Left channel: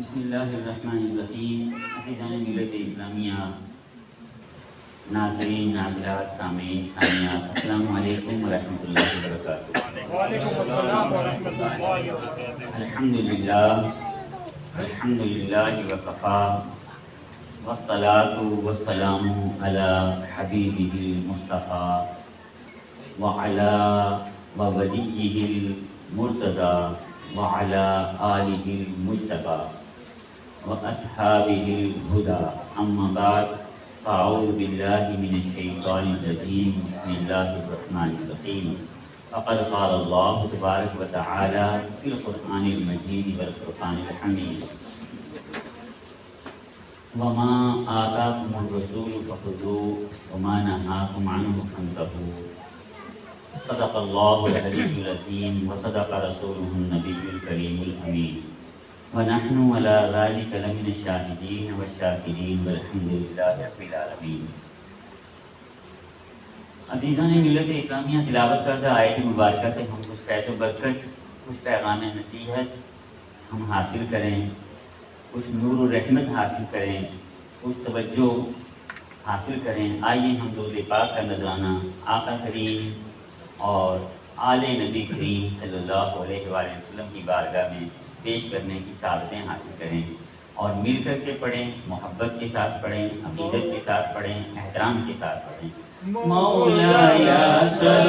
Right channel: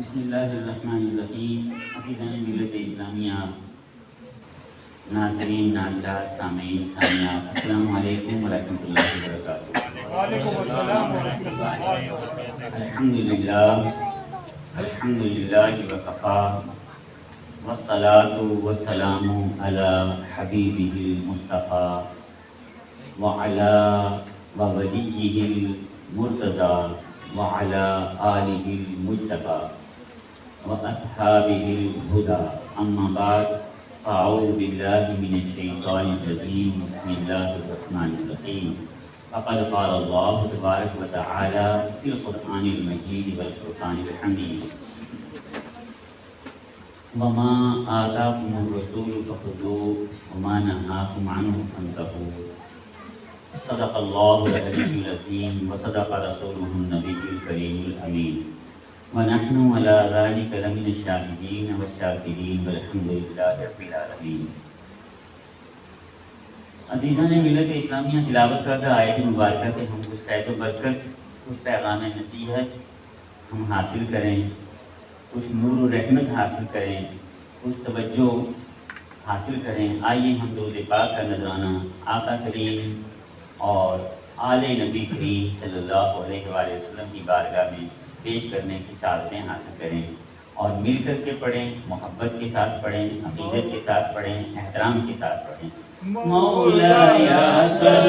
بسم اللہ الرحمن الرحیم. عزیزان ملت اسلامیہ، ناظرین، ناظرات، سامعین، سامعات، السلام علیکم ورحمۃ اللہ وبرکاتہ. وعلیکم السلام ورحمۃ اللہ وبرکاتہ. الحمد للہ وکفا والصلاة والسلام علی حبیبہ المصطفیٰ وعلی وولیہ المرتضی وعلی آلہ المجتبی واصحابہ الہدی. اما بعد، اعوذ باللہ من الشیطان الرجیم. بسم اللہ الرحمن الرحیم. فقد قال اللہ تبارک و تعالی فی القرآن المجید والفرقان الحمید: وما آتاکم الرسول فخذوه وما نهاکم عنه فانتهوا. صدق اللہ العلی العظیم وصدق رسولہ النبی الکریم الامین. ونحن على ذلك لمن الشاهدين والشاکرین والحمد للہ رب العالمین. عزیزان ملت اسلامیہ، تلاوت کردہ آیت مبارکہ سے ہم کچھ فیض و برکت، کچھ پیغام نصیحت ہم حاصل کریں، کچھ نور و رحمت حاصل کریں، کچھ توجہ حاصل کریں. آئیے ہم درود پاک کا نذرانہ آقا کریم اور آل نبی کریم صلی اللہ علیہ وآلہ وسلم کی بارگاہ میں پیش کرنے کی سعادتیں حاصل کریں اور مل کر کے پڑھیں، محبت کے ساتھ پڑھیں، عقیدت کے ساتھ پڑھیں، احترام کے ساتھ پڑھیں. مولاي صل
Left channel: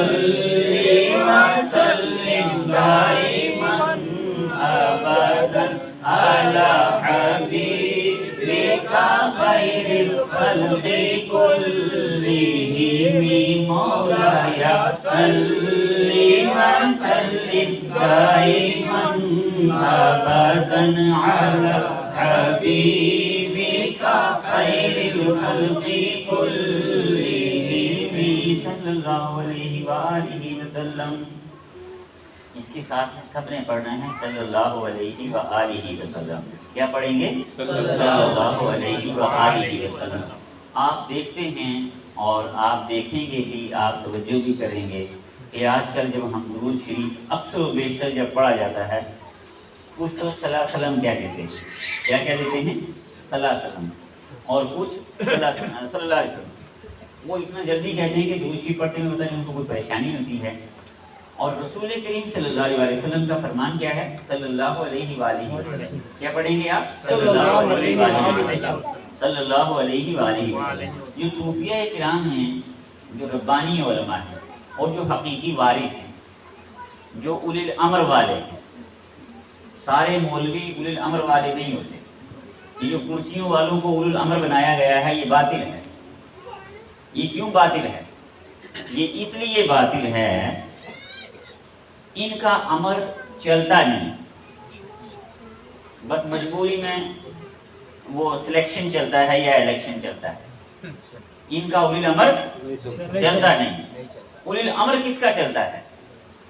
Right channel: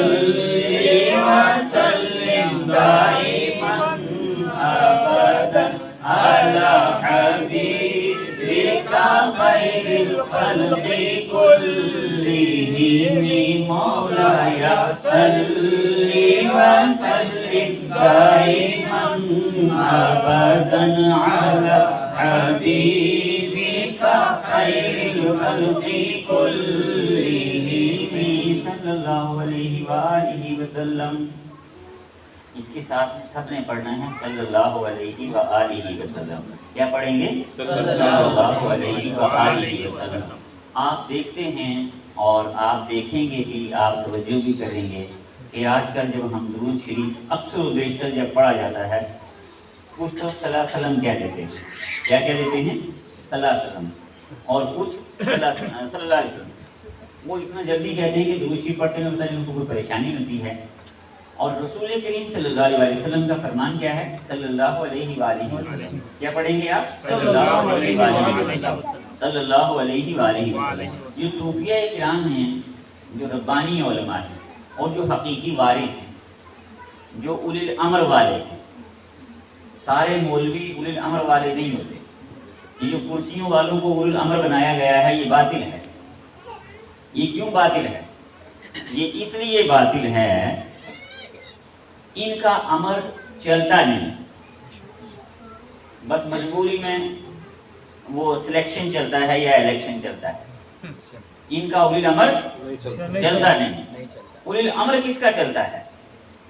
وسلم دائما ابدا على حبيبك خير الخلق كلهم. مولاي صل وسلم دائما ابدا على حبيبك خير الخلق كلهم صلی اللہ علیہ وآلہ وسلم. اس کے ساتھ سب نے پڑھنا ہے صلی اللہ علیہ وآلہ وسلم. کیا پڑھیں گے؟ صلی اللہ علیہ وآلہ وسلم. آپ دیکھتے ہیں اور آپ دیکھیں گے کہ آپ توجہ بھی کریں گے کہ آج کل جب ہم درود شریف اکثر و بیشتر جب پڑھا جاتا ہے، کچھ تو صلی اللہ علیہ وسلم کیا کہتے ہیں، کیا دیتے ہیں؟ صلی اللہ علیہ وسلم. اور کچھ صلی اللہ علیہ وسلم وہ اتنا جلدی کہتے ہیں کہ درود شریف پڑھتے ہیں ہوتا ہے ان کو کوئی پریشانی ہوتی ہے. اور رسول کریم صلی اللہ علیہ وسلم کا فرمان کیا ہے؟ صلی اللہ علیہ وآلہ وسلم. کیا پڑھیں گے آپ؟ صلی اللہ علیہ وآلہ وسلم. صلی اللہ علیہ وآلہ وسلم. جو صوفیہ کرام ہیں، جو ربانی علماء ہیں اور جو حقیقی وارث ہیں، جو اولی الامر والے ہیں. سارے مولوی اولی الامر والے نہیں ہوتے. یہ جو کرسیوں والوں کو اولی الامر بنایا گیا ہے، یہ باطل ہے. یہ کیوں باطل ہے؟ یہ اس لیے باطل ہے، ان کا امر چلتا نہیں، بس مجبوری میں وہ سلیکشن چلتا ہے یا الیکشن چلتا ہے. ان کا اولی الامر چلتا نہیں. اولی الامر کس کا چلتا ہے؟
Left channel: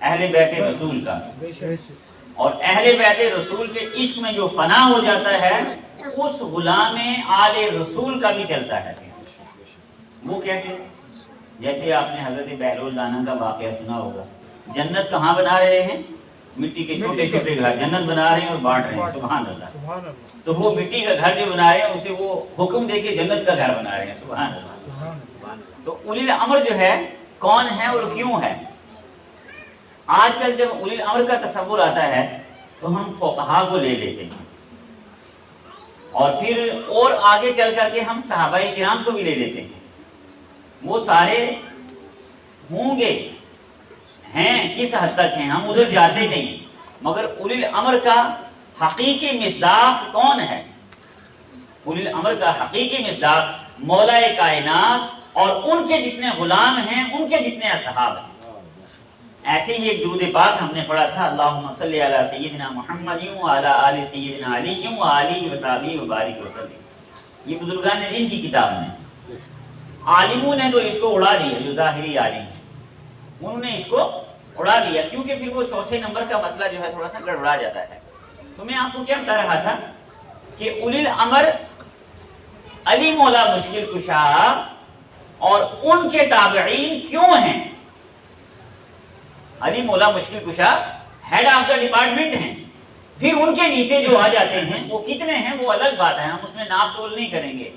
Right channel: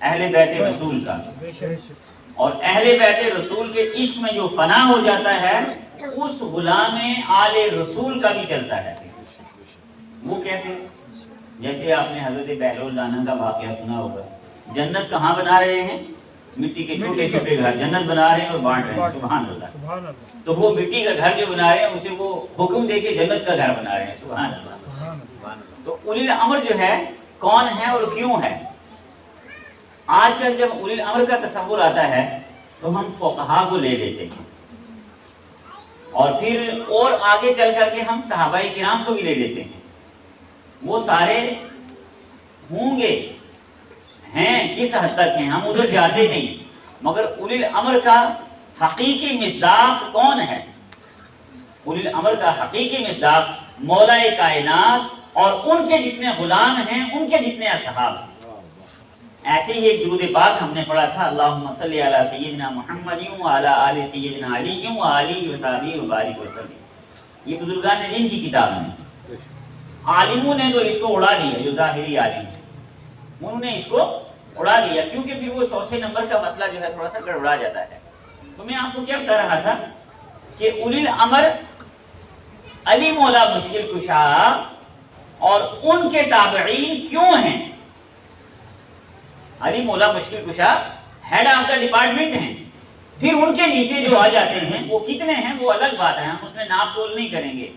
اہل بیت رسول کا. اور اہل بیت رسول کے عشق میں جو فنا ہو جاتا ہے، اس غلام آل رسول کا بھی چلتا ہے. وہ کیسے؟ جیسے آپ نے حضرت بہلول دانا کا واقعہ سنا ہوگا. جنت کہاں بنا رہے ہیں؟ مٹی کے چھوٹے چھوٹے گھر جنت بنا رہے ہیں اور بانٹ رہے ہیں. سبحان اللہ. تو وہ مٹی کا گھر جو بنا رہے ہیں اسے وہ حکم دے کے جنت کا گھر بنا رہے ہیں. سبحان اللہ. تو اولی الامر جو ہے کون ہے اور کیوں ہے؟ آج کل جب اولی الامر کا تصور آتا ہے تو ہم فقہا کو لے لیتے ہیں اور پھر اور آگے چل کر کے ہم صحابہ کرام کو بھی لے لیتے ہیں. وہ سارے ہوں گے، ہیں کس حد تک ہیں ہم ادھر جاتے نہیں، مگر اولی الامر کا حقیقی مصداق کون ہے؟ اولی الامر کا حقیقی مصداق مولا کائنات اور ان کے جتنے غلام ہیں، ان کے جتنے اصحاب ہیں. ایسے ہی ایک درود پاک ہم نے پڑھا تھا، اللہم صلی علی سیدنا محمد وعلی آل سیدنا علی وآلہ وصحبہ وبارک وسلم. یہ بزرگان دین کی کتاب میں. عالموں نے تو اس کو اڑا دیا، جو ظاہری عالم ہیں انہوں نے اس کو اڑا دیا، کیونکہ پھر وہ چوتھے نمبر کا مسئلہ جو ہے تھوڑا سا گڑبڑا جاتا ہے. تو میں آپ کو کیا بتا رہا تھا کہ اولی الامر علی مولا مشکل کشا اور ان کے تابعین کیوں ہیں؟ علی مولا مشکل کشا ہیڈ آف دا ڈپارٹمنٹ ہیں، پھر ان کے نیچے جو آ جاتے ہیں وہ کتنے ہیں وہ الگ بات ہے، ہم اس میں ناپ تول نہیں کریں گے،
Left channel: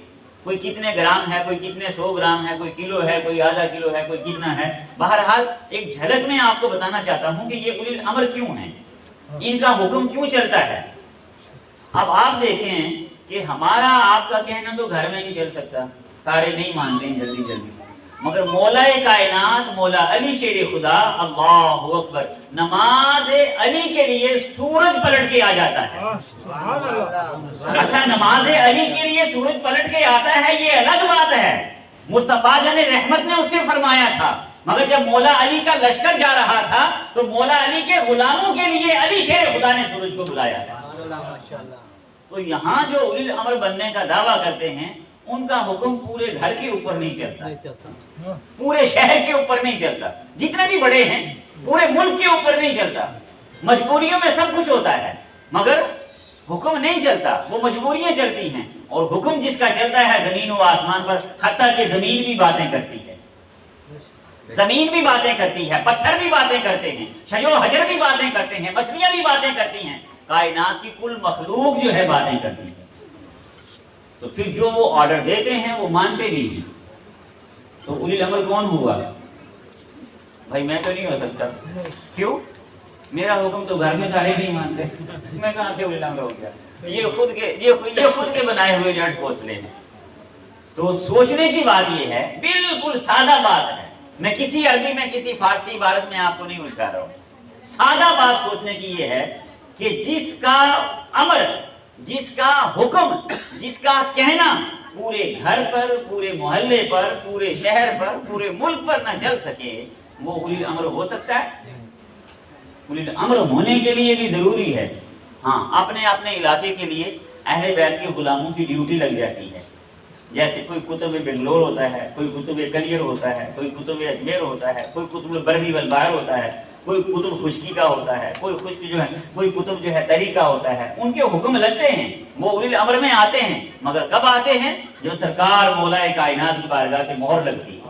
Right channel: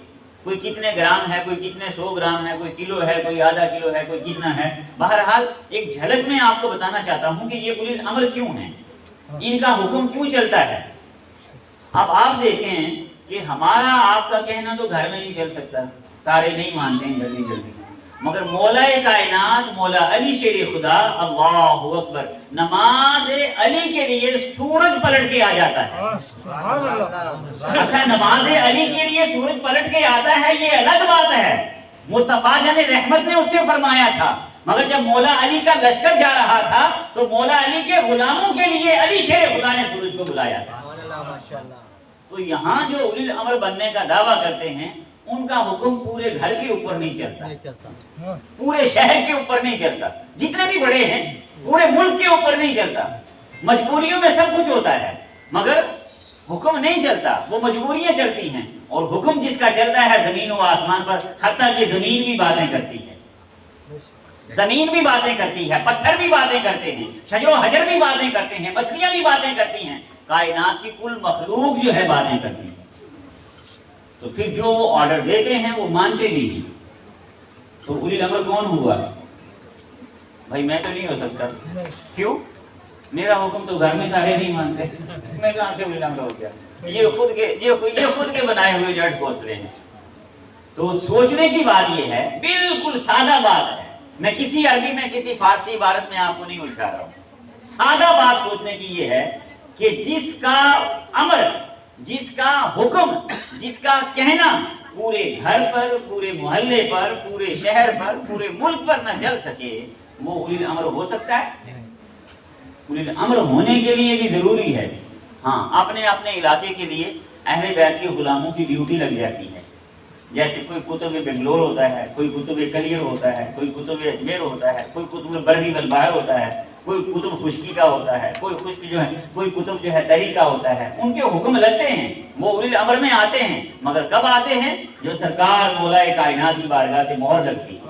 کوئی کتنے گرام ہے، کوئی کتنے 100 گرام ہے، کوئی کلو ہے، کوئی آدھا کلو ہے، کوئی کتنا ہے۔ بہرحال ایک جھلک میں آپ کو بتانا چاہتا ہوں کہ یہ اولی الامر کیوں ہیں، ان کا حکم کیوں چلتا ہے۔ اب آپ دیکھیں کہ ہمارا آپ کا کہنا تو گھر میں نہیں چل سکتا، سارے نہیں مانتے ہیں جلدی جلدی، مگر مولا کائنات مولا علی شیر خدا اللہ اکبر نماز علی کے لیے سورج پلٹ کے آ جاتا ہے۔ سبحان اللہ۔ اچھا نماز علی کے لیے سورج پلٹ کے آتا ہے یہ الگ بات ہے، مصطفیٰ جان رحمت نے اس سے فرمایا تھا، مگر جب مولا علی کا لشکر جا رہا تھا تو مولا علی کے غلاموں کے لیے علی شیر خدا نے سورج کو بلایا تھا۔ تو یہاں جو اولی الامر بننے کا دعویٰ کرتے ہیں ان کا حکم پورے گھر کے اوپر نہیں چلتا، پورے شہر کے اوپر نہیں چلتا، جتنے بھی بڑے ہیں پورے ملک کے اوپر نہیں چلتا۔ مجبوریوں میں سب کچھ ہوتا ہے مگر حکم نہیں چلتا، وہ مجبوریاں چلتی ہیں، اور حکم جس کا چلتا ہے زمین و آسمان پر، حتیٰ کہ زمین بھی باتیں کرتی ہے، زمین بھی باتیں کرتی ہے، پتھر بھی باتیں کرتے ہیں، شجر و حجر بھی باتیں کرتے ہیں، مچھلیاں بھی باتیں کرتی ہیں، کائنات کی کل مخلوق جو ہے باتیں کرتی ہے۔ تو پھر جو وہ آرڈر دیتے ہیں وہ مانتے نہیں ہیں، تو اولی الامر کون ہوا؟ بھائی میں تو نہیں ہو سکتا، کیوں؟ میرا حکم تو گھر میں سارے نہیں مانتے، میں کہاں سے اولی الامر ہو گیا؟ یہ خود کے بنائے ہوئے جڑ گھونسلے ہیں۔ تو سوچنے کی بات یہ ہے، بالکل سادہ بات ہے، میں کسی عربی میں کسی فارسی عبارت میں آپ کو نہیں الجھا رہا ہوں، سادہ بات سوچنے کی یہ ہے کہ جس کا امر، جس کا حکم، جس کا کہنا پورے گھر پر، پورے محلے پر، پورے شہر پر، پورے ملک پر نہ چل سکے وہ اولی الامر ہو سکتا ہے؟ اولی الامر ہونے کے لیے بھی ضروری ہے، ہاں اپنے اپنے علاقے کے لیے اہل بیت کے غلاموں کی ڈیوٹی لگ جاتی ہے، جیسے کوئی کتب بنگلور ہوتا ہے، کوئی کتب کلیر ہوتا ہے، کوئی کتب اجمیر ہوتا ہے، کوئی کتب بری والبحر ہوتا ہے، کوئی کتب خشکی کا ہوتا ہے، کوئی خشک جو ہے، کوئی کتب جو ہے تری کا ہوتا ہے، ان کے حکم لگتے ہیں، وہ اولی الامر میں آتے ہیں، مگر کب آتے ہیں؟ جو سرکار مولا کائنات کی بارگاہ سے مہر لگتی ہے،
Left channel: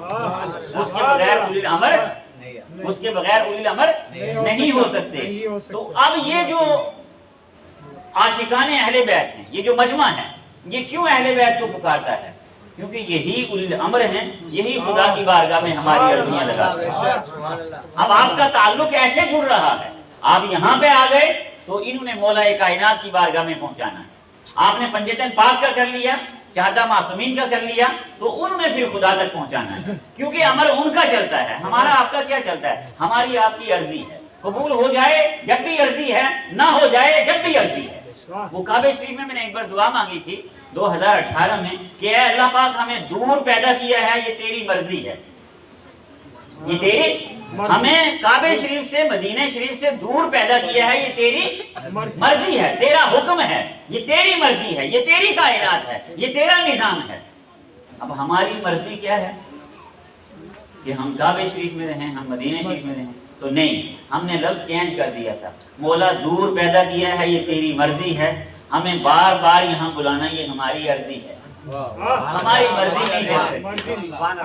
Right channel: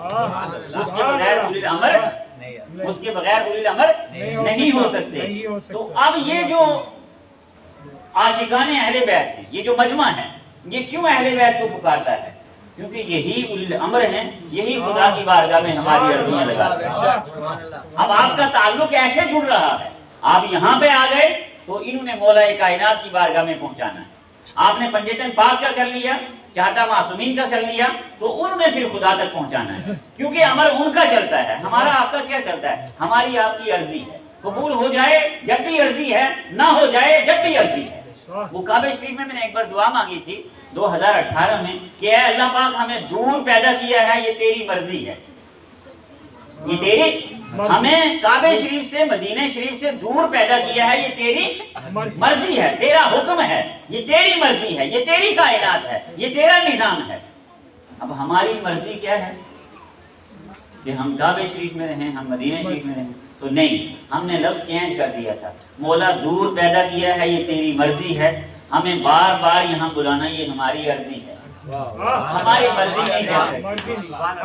اس کے بغیر اولی الامر، اس کے بغیر اولی الامر نہیں ہو سکتے۔ تو اب یہ جو عاشقان اہل بیت ہیں، یہ جو مجمع ہے، یہ کیوں اہل بیت کو پکارتا ہے؟ کیونکہ یہی اولی الامر ہیں، یہی خدا کی بارگاہ میں ہماری عرضیاں لگاتے ہیں۔ اب آپ کا تعلق ایسے جڑ رہا ہے، آپ یہاں پہ آ گئے تو انہوں نے مولا کائنات کی بارگاہ میں پہنچانا ہے، آپ نے پنجتن پاک کا کر لیا، چہردہ معصومین کا کر لیا، تو انہوں نے پھر خدا تک پہنچانا ہے، کیونکہ امر ان کا چلتا ہے، ہمارا آپ کا کیا چلتا ہے؟ ہماری آپ کی عرضی ہے، قبول ہو جائے جب بھی عرضی ہے، نہ ہو جائے جب بھی عرضی ہے۔ وہ کعبہ شریف میں نے ایک بار دعا مانگی تھی 2018 میں کہ اے اللہ پاک ہمیں دور پیدا کیا ہے، یہ تیری مرضی ہے، یہ تیری، ہمیں کعبہ شریف سے، مدینہ شریف سے دور پیدا کیا ہے، یہ تیری مرضی ہے، تیرا حکم ہے، یہ تیری مرضی ہے، یہ تیری کائنات ہے، یہ تیرا نظام ہے۔ اب ہماری مرضی کیا ہے کہ ہم کعبہ شریف میں رہیں، ہم مدینہ شریف میں رہیں؟ تو نہیں، ہم نے لفظ چینج کر دیا تھا، مولا دور پیدا کیا ہے، یہ تیری مرضی ہے، ہمیں بار بار یہاں بلانا یہ ہماری عرضی ہے، ہماری مرضی نہیں چل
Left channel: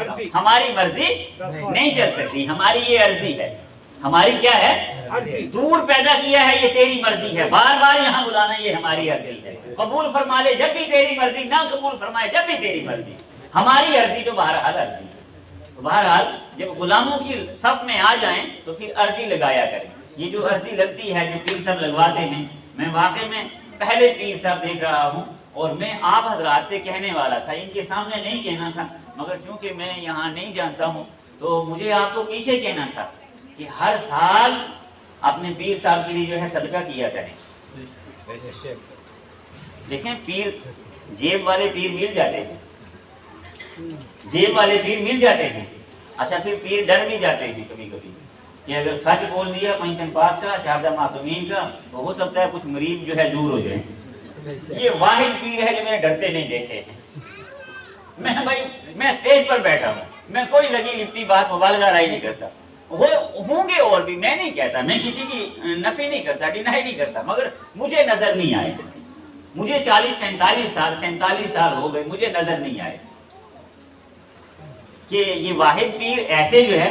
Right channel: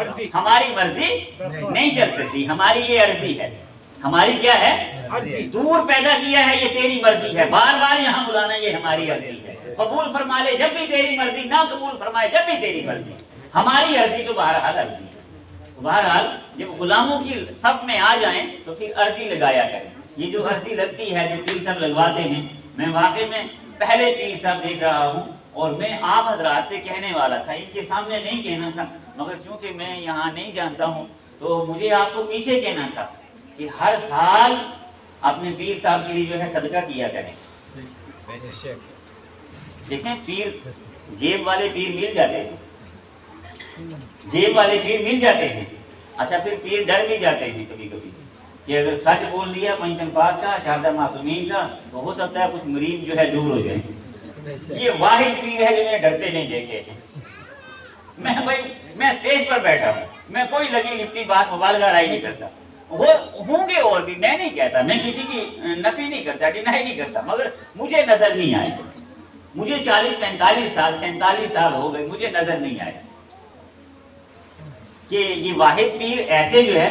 سکتی، ہماری مرضی نہیں چل سکتی، ہماری یہ عرضی ہے، ہماری کیا ہے؟ دور پیدا کیا ہے، یہ تیری مرضی ہے، بار بار یہاں بلانا یہ ہماری عرضی ہے، قبول فرما لے جب بھی تیری مرضی، نہ قبول فرمائے جب بھی تیری مرضی، ہماری عرضی تو بہرحال عرضی ہے۔ تو بہرحال جب غلاموں کی صف میں آ جائیں تو پھر عرضی لگایا کریں، یہ جو عرضی لگتی ہے جو پیر صاحب لگواتے ہیں، میں واقعی میں پہلے پیر صاحب دیکھ رہا ہوں، اور میں آپ حضرات سے کہنے والا تھا، ان کے سامنے نہیں کہنا تھا، مگر چونکہ میں یہاں نہیں جانتا ہوں تو مجھے آپ کو پیچھے کہنا تھا کہ ہر سال اپنے پیر صاحب کے لیے جو ہے صدقہ کیا کریں۔ دیکھیں پیر، جیب والے پیر مل جاتے ہیں، جیب والے پیر مل جاتے ہیں، اچھا پھر پیر ڈر بھی جاتے ہیں کبھی کبھی کہ اگر سچ بول دیا پنجتن پاک کا، چہردہ معصومین کا، تو ہو سکتا ہے کچھ مریض جو ہے دور ہو جائیں۔ یہ واحد پیر ہے جو میں نے ڈرتے نہیں دیکھے ہیں۔ میں سٹیج پر بیٹھا ہوں، میں کوئی لگی لپٹی بات مبالغہ رائی نہیں کرتا، ہوں گے اور بھی، میں نہیں کہتا، میں کسی کی نفی نہیں کرتا، ڈینائی نہیں کرتا، مگر مجھے نظر نہیں آئے، مجھے 40-45 سال 47 سال ہو گئے، مجھے نظر نہیں آئے کہ یہ واحد پیر ایسے جو ہے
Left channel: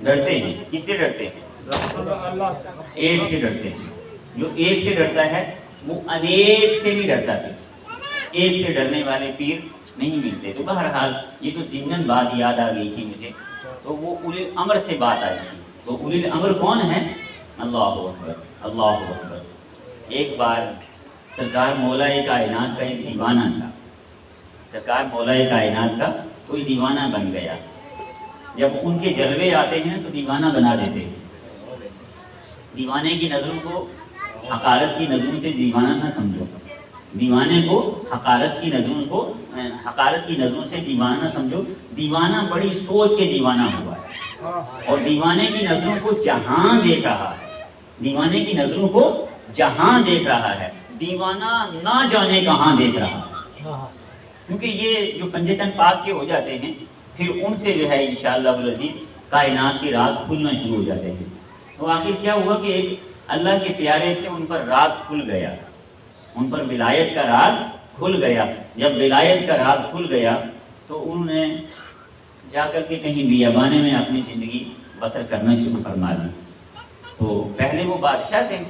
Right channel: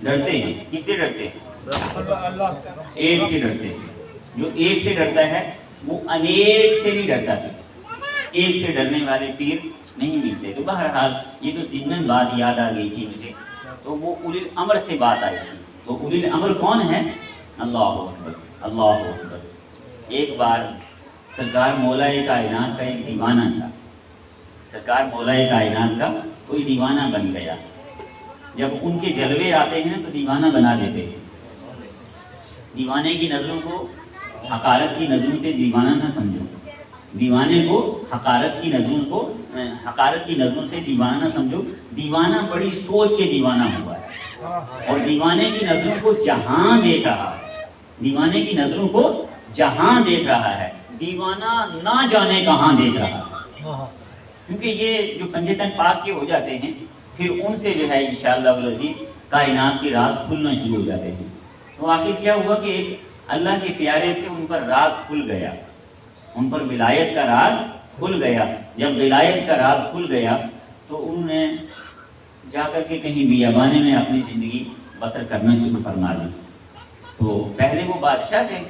ڈرتے ہیں. کس سے ڈرتے ہیں؟ اللہ ایک سے ڈرتے ہیں. جو ایک سے ڈرتا ہے وہ انیک سے نہیں ڈرتا پھر. ایک سے ڈرنے والے پیر نہیں ملتے. تو بہرحال یہ تو ضمن بات یاد آ گئی تھی مجھے. تو وہ اولی الامر سے بات آئی تھی. تو اولی الامر کون ہے؟ اللہ اکبر اللہ اکبر. ایک بار سرکار مولا کائنات کا ایک دیوانہ تھا. سرکار مولا کائنات کا کوئی دیوانہ بن گیا. جب ان کے جلوے آتے ہیں تو دیوانہ بنا دیتے ہیں. دیوانے کی نظروں کو حقارت کی نظروں سے دیوانہ نہ سمجھو. دیوانے کو حقارت کی نظروں سے دیوانہ نہ سمجھو. دیوانہ بڑی سوچ کے دیوانہ ہوا ہے اور دیوانے کی نظروں کو جہاں دیکھ رہا ہے. دیوانے کی نظروں کو جہاں دیکھ رہا ہے. دیوانہ نہ جانے کہاں دیکھ رہا ہے. کیونکہ یہ جو پنجے تن پاک کے ہو جاتے ہیں پھر ان سے جو ہے انشاءاللہ العزیز کائنات کے راز کھلنا شروع ہو جاتے ہیں. تو آخر کیا ہوا کہ ایک اللہ کے پیارے تھے, ان پر راز کھل گیا. ان پر ولایت کا راز کھل گیا. جب ولایت کا راز کھل گیا تو انہوں نے جا کر کے کہیں بیابانے میں اپنی زندگی بسر کرنا شروع فرما دی. تو پہلے وہ بادشاہ تھے.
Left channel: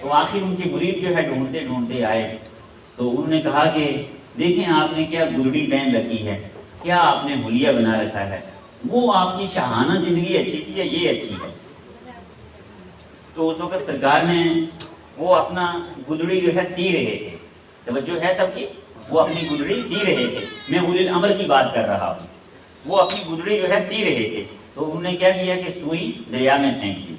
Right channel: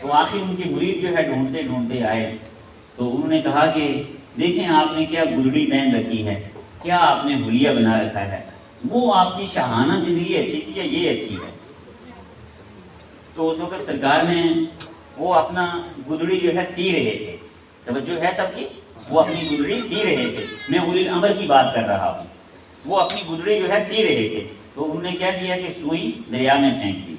تو آخر ان کے مرید جو ہے ڈھونڈتے ڈھونڈتے آئے. تو انہوں نے کہا کہ دیکھیں آپ نے کیا گلڑی پہن رکھی ہے, کیا آپ نے حلیہ بنا رکھا ہے, وہ آپ کی شاہانہ زندگی اچھی تھی یا یہ اچھی ہے؟ تو اس وقت سرکار نے وہ اپنا گلڑی جو ہے سی رہے تھے. توجہ ہے سب کی؟ وہ اپنی گلڑی سی رہے تھے. میں اولی الامر کی بات کر رہا ہوں. وہ اپنی گلڑی جو ہے سی رہے تھے. تو انہوں نے کیا کیا کہ سوئی دریا میں پھینک دی.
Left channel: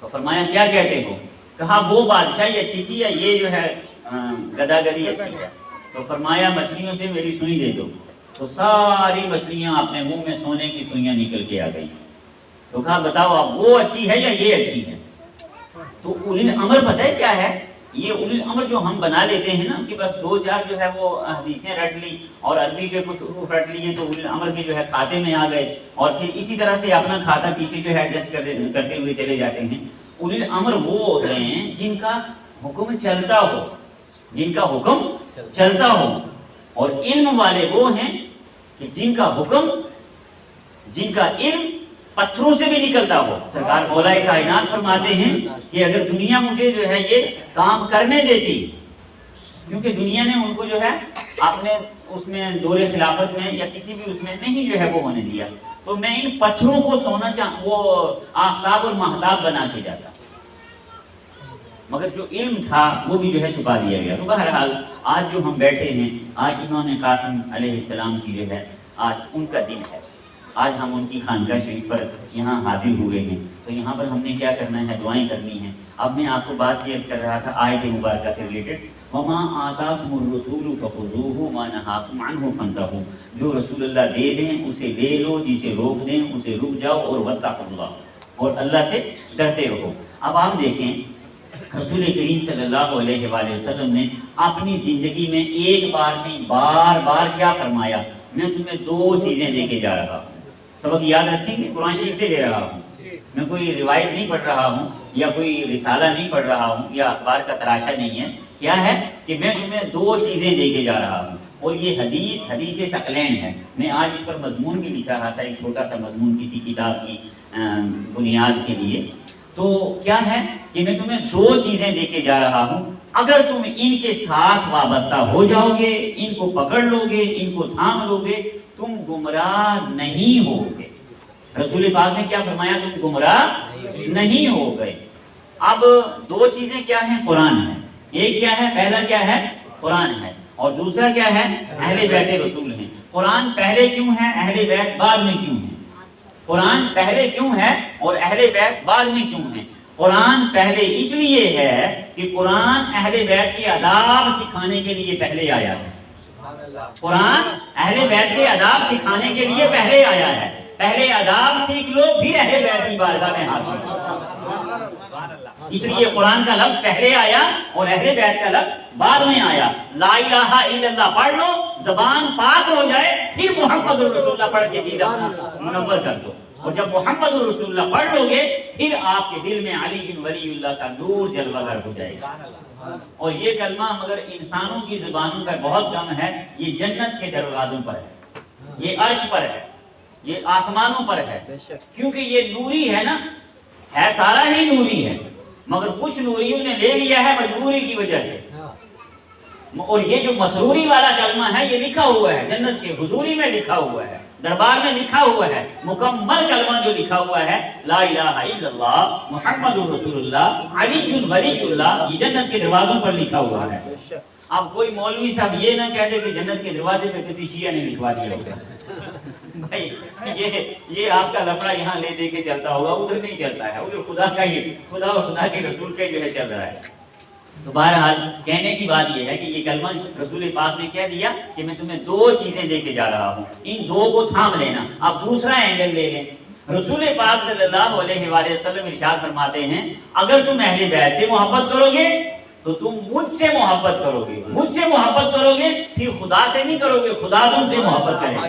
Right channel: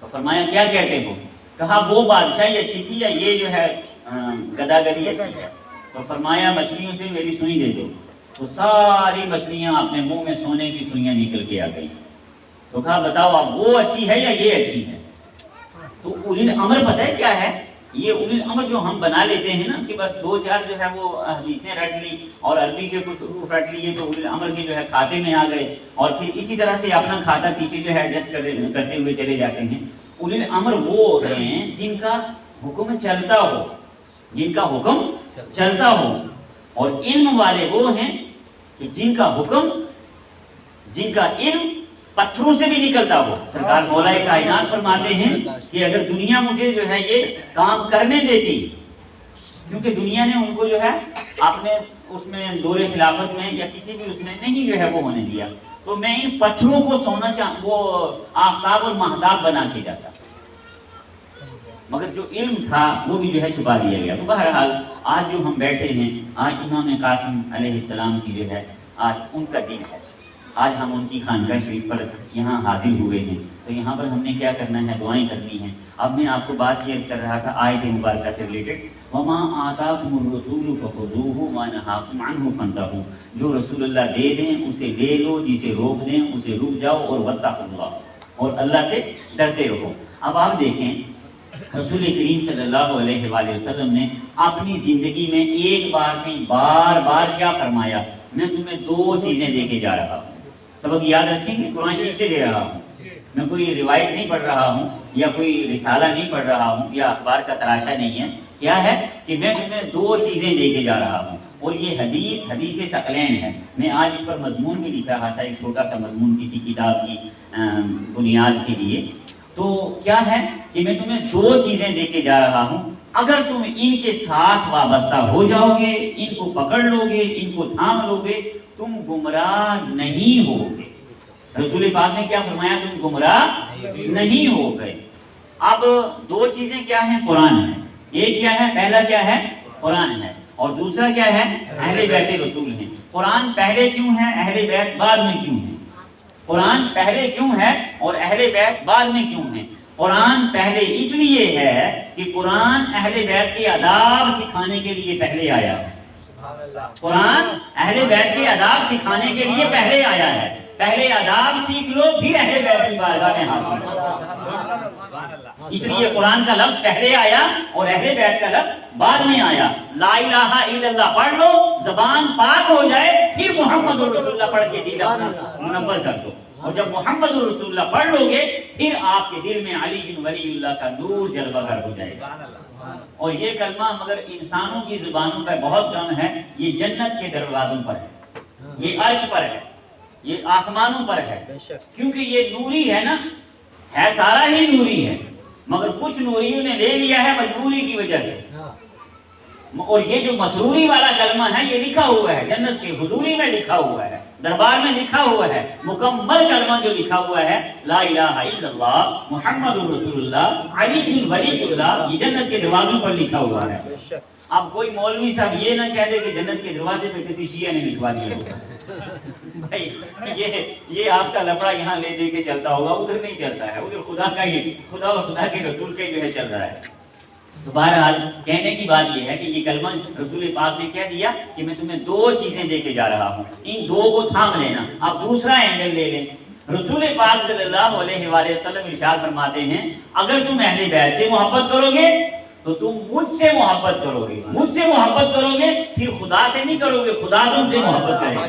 تو فرمایا کیا کہتے ہو؟ کہا وہ بادشاہی اچھی تھی یا یہ جو ہے گداگری اچھی ہے؟ تو فرمایا مچھلیوں سے میری سوئی دے دو. تو ساری مچھلیاں اپنے منہ میں سونے کی سوئیاں نکل کے آ گئی. تو کہا بتاؤ اب وہ اچھی ہے یا یہ اچھی ہے؟ تو اولی الامر پتہ ہے کیا ہے؟ یہ اولی الامر جو ہم بنا لیتے ہیں نا کہ بس دو چار جو ہے وہ حدیثیں رٹ لی اور عربی کے کچھ حروف رٹ لیے تو اولی الامر کے جو ہے کھاتے میں آ گئے اور پھر اسی طرح سے اپنا کھاتا پیچھے جو ہے ایڈجسٹ کرتے ہوئے چلے جاتے ہیں. اولی الامر وہ ہیں جن کا حکم چلتا ہو, جن کا حکم چلتا ہو. اور علم والے وہ ہیں کہ جن کا حکم, جن کا علم پتھروں سے بھی نکلتا ہو. سرکار مولا کائنات فرماتے ہیں کہ اگر دنیا مجھے جو ہے یہ کام کرنے دیتی, کیونکہ دنیا نے ان کو جو ہے اپنے اس میں دور خلافت میں یا کسی بھی اس میں نہیں جو ہے وہ ہونے دیا, تو میں ان پتھروں کو سونا وہ آفتاب اور مہتاب بنا کے جاتا. مگر جو علم تھا وہ بھی جو ہے چھپا دیا گیا. تو بہرحال آج جو ہم بیٹھے ہیں, آج امام قاسم علیہ السلام کی جو ہے آج ان کا دن ہے. آج ہم ان کی خانقاہ شریف پر یہاں حاضر ہوئے ہیں. تو یہاں پر ہم نے کیا کرنا ہے؟ دعائیں کرنی ہیں. اب میں آپ کو بات یہ عرض کر رہا تھا آیت مبارکہ سے ریلیٹڈ, وَمَا آتَاكُمُ الرَّسُولُ فَخُذُوهُ وَمَا نَهَاكُمْ عَنْهُ فَانْتَهُوا. جو رسول اللہ دے دیں اسے لے لو, جسے روک دیں اسے رک جاؤ, اور وَاتَّقُوا اللَّهَ, اور اللہ سے ڈرتے رہو. اب آپ دیکھیں رسول کریم صلی اللہ علیہ وآلہ وسلم نے اپنی زندگی میں ایک بار نہیں بار بار کیا فرمایا؟ میں تمہیں دو چیزیں دے کے جا رہا ہوں. سبق یاد رکھیں گے, قرآن شریف سے دے رہا ہوں. میں کوئی روایت نہیں پڑھ رہا ہوں یا کوئی رسالہ نہیں پڑھ رہا ہوں یا اخبار کا تراشا نہیں ہے. کیا ہے کہ میں تمہیں دو چیزیں دے کے جا رہا ہوں. اور یہ حدیث ثقلین ہے. میں آج اس پر مضمون بھی لکھ رہا تھا, ایک چھوٹا سا مضمون کسی کتاب کی بنیاد کے لیے. تو کیا ہے کہ میں تمہیں دو چیزیں دے کے جا رہا ہوں, اگر تم ان کے ساتھ وابستہ ہو جاؤ گے, ان کو پکڑ لو گے, ان کو تھام لو گے, تم گمراہ نہیں ہوگے. رسول پاک نے کیا فرمایا؟ تم گمراہ نہیں ہو گئے. اب دو چیزیں کیا ہیں؟ قرآن ہے. ایک کیا ہے؟ پہلا کیا ہے؟ قرآن ہے. اور دوسرا کیا ہے؟ اہل بیت رسول ہیں. قرآن پہلے کیوں ہے, اہل بیت بعد میں کیوں ہے؟ قرآن پہلے کیوں ہے اور اہل بیت بعد میں کیوں ہے؟ قرآن پہلے اس لیے ہے کہ قرآن اہل بیت کے آداب سکھانے کے لیے پہلے آیا ہے. قرآن اہل بیت کے آداب سکھانے کے لیے پہلے آیا ہے. پہلے آداب سیکھ لو پھر اہل بیت کی بارگاہ میں حاضر ہو. اس لیے قرآن کا لفظ پہلے آیا اور اہل بیت کا لفظ بعد میں آیا. لا الہ الا اللہ پڑھ لو, زبان پاک ہو جائے, پھر محمد رسول اللہ پڑھ کے دل اپنا منور کر دو. اور جب محمد رسول اللہ پڑھ لو گے پھر آپ کے دل میں علی بن ولی اللہ کا نور جلوہ گر ہو جائے گا. اور یہ کلمہ مگر انسانوں کی زبانوں پر بہت کم ہے. یہ جنت کے دروازوں پر ہے, یہ عرش پر ہے. یہ آسمانوں پر ہے، کیونکہ یہ نوری ہے نا، ہے سارا ہی نوری ہے، مگر کچھ نوریوں نے لے لیا ہے مجبوری کی وجہ سے۔ اور یہ جو مسروری والا کلمہ ہے یہ لکھا ہوا ہے جنت کی حضوری میں، لکھا ہوا ہے دربار میں، لکھا ہوا ہے مکمل کلمہ جو لکھا ہوا ہے لا الہ الا اللہ محمد رسول اللہ علی ولی اللہ، یہ جنت کے دروازوں پر لکھا ہوا ہے۔ اب کوئی مولوی صاحب یہ نہ کہہ دے کہ جنت کے دروازے پہ کسی شیعہ نے لکھوا دیا ہوگا، بھائی یہ آپ کا لفڑا یہاں لے دے کے چلتا ہوگا، ادھر نہیں چلتا ہے، ادھر خدا کا ہی، خدا اور خدا کے رسول کے جو ہے چل رہا ہے۔ تو بہرحال کہنے کی بات یہ ہے کہ یہ کلمہ رسول پاک نے کہہ دیا کہ میں تمہیں دو چیزیں دے کے جا رہا ہوں، ان دو کو تھام لینا۔ اب دوسرا اینگل لے لیں، رسول پاک صلی اللہ علیہ وآلہ وسلم ارشاد فرماتے ہیں اگر تم اہل بیت سے محبت کرو گے تو تم مجھ سے محبت کرو گے، مجھ سے محبت کرو گے، پھر خدا سے نہیں کرو گے، خدا تم سے محبت کرے گا،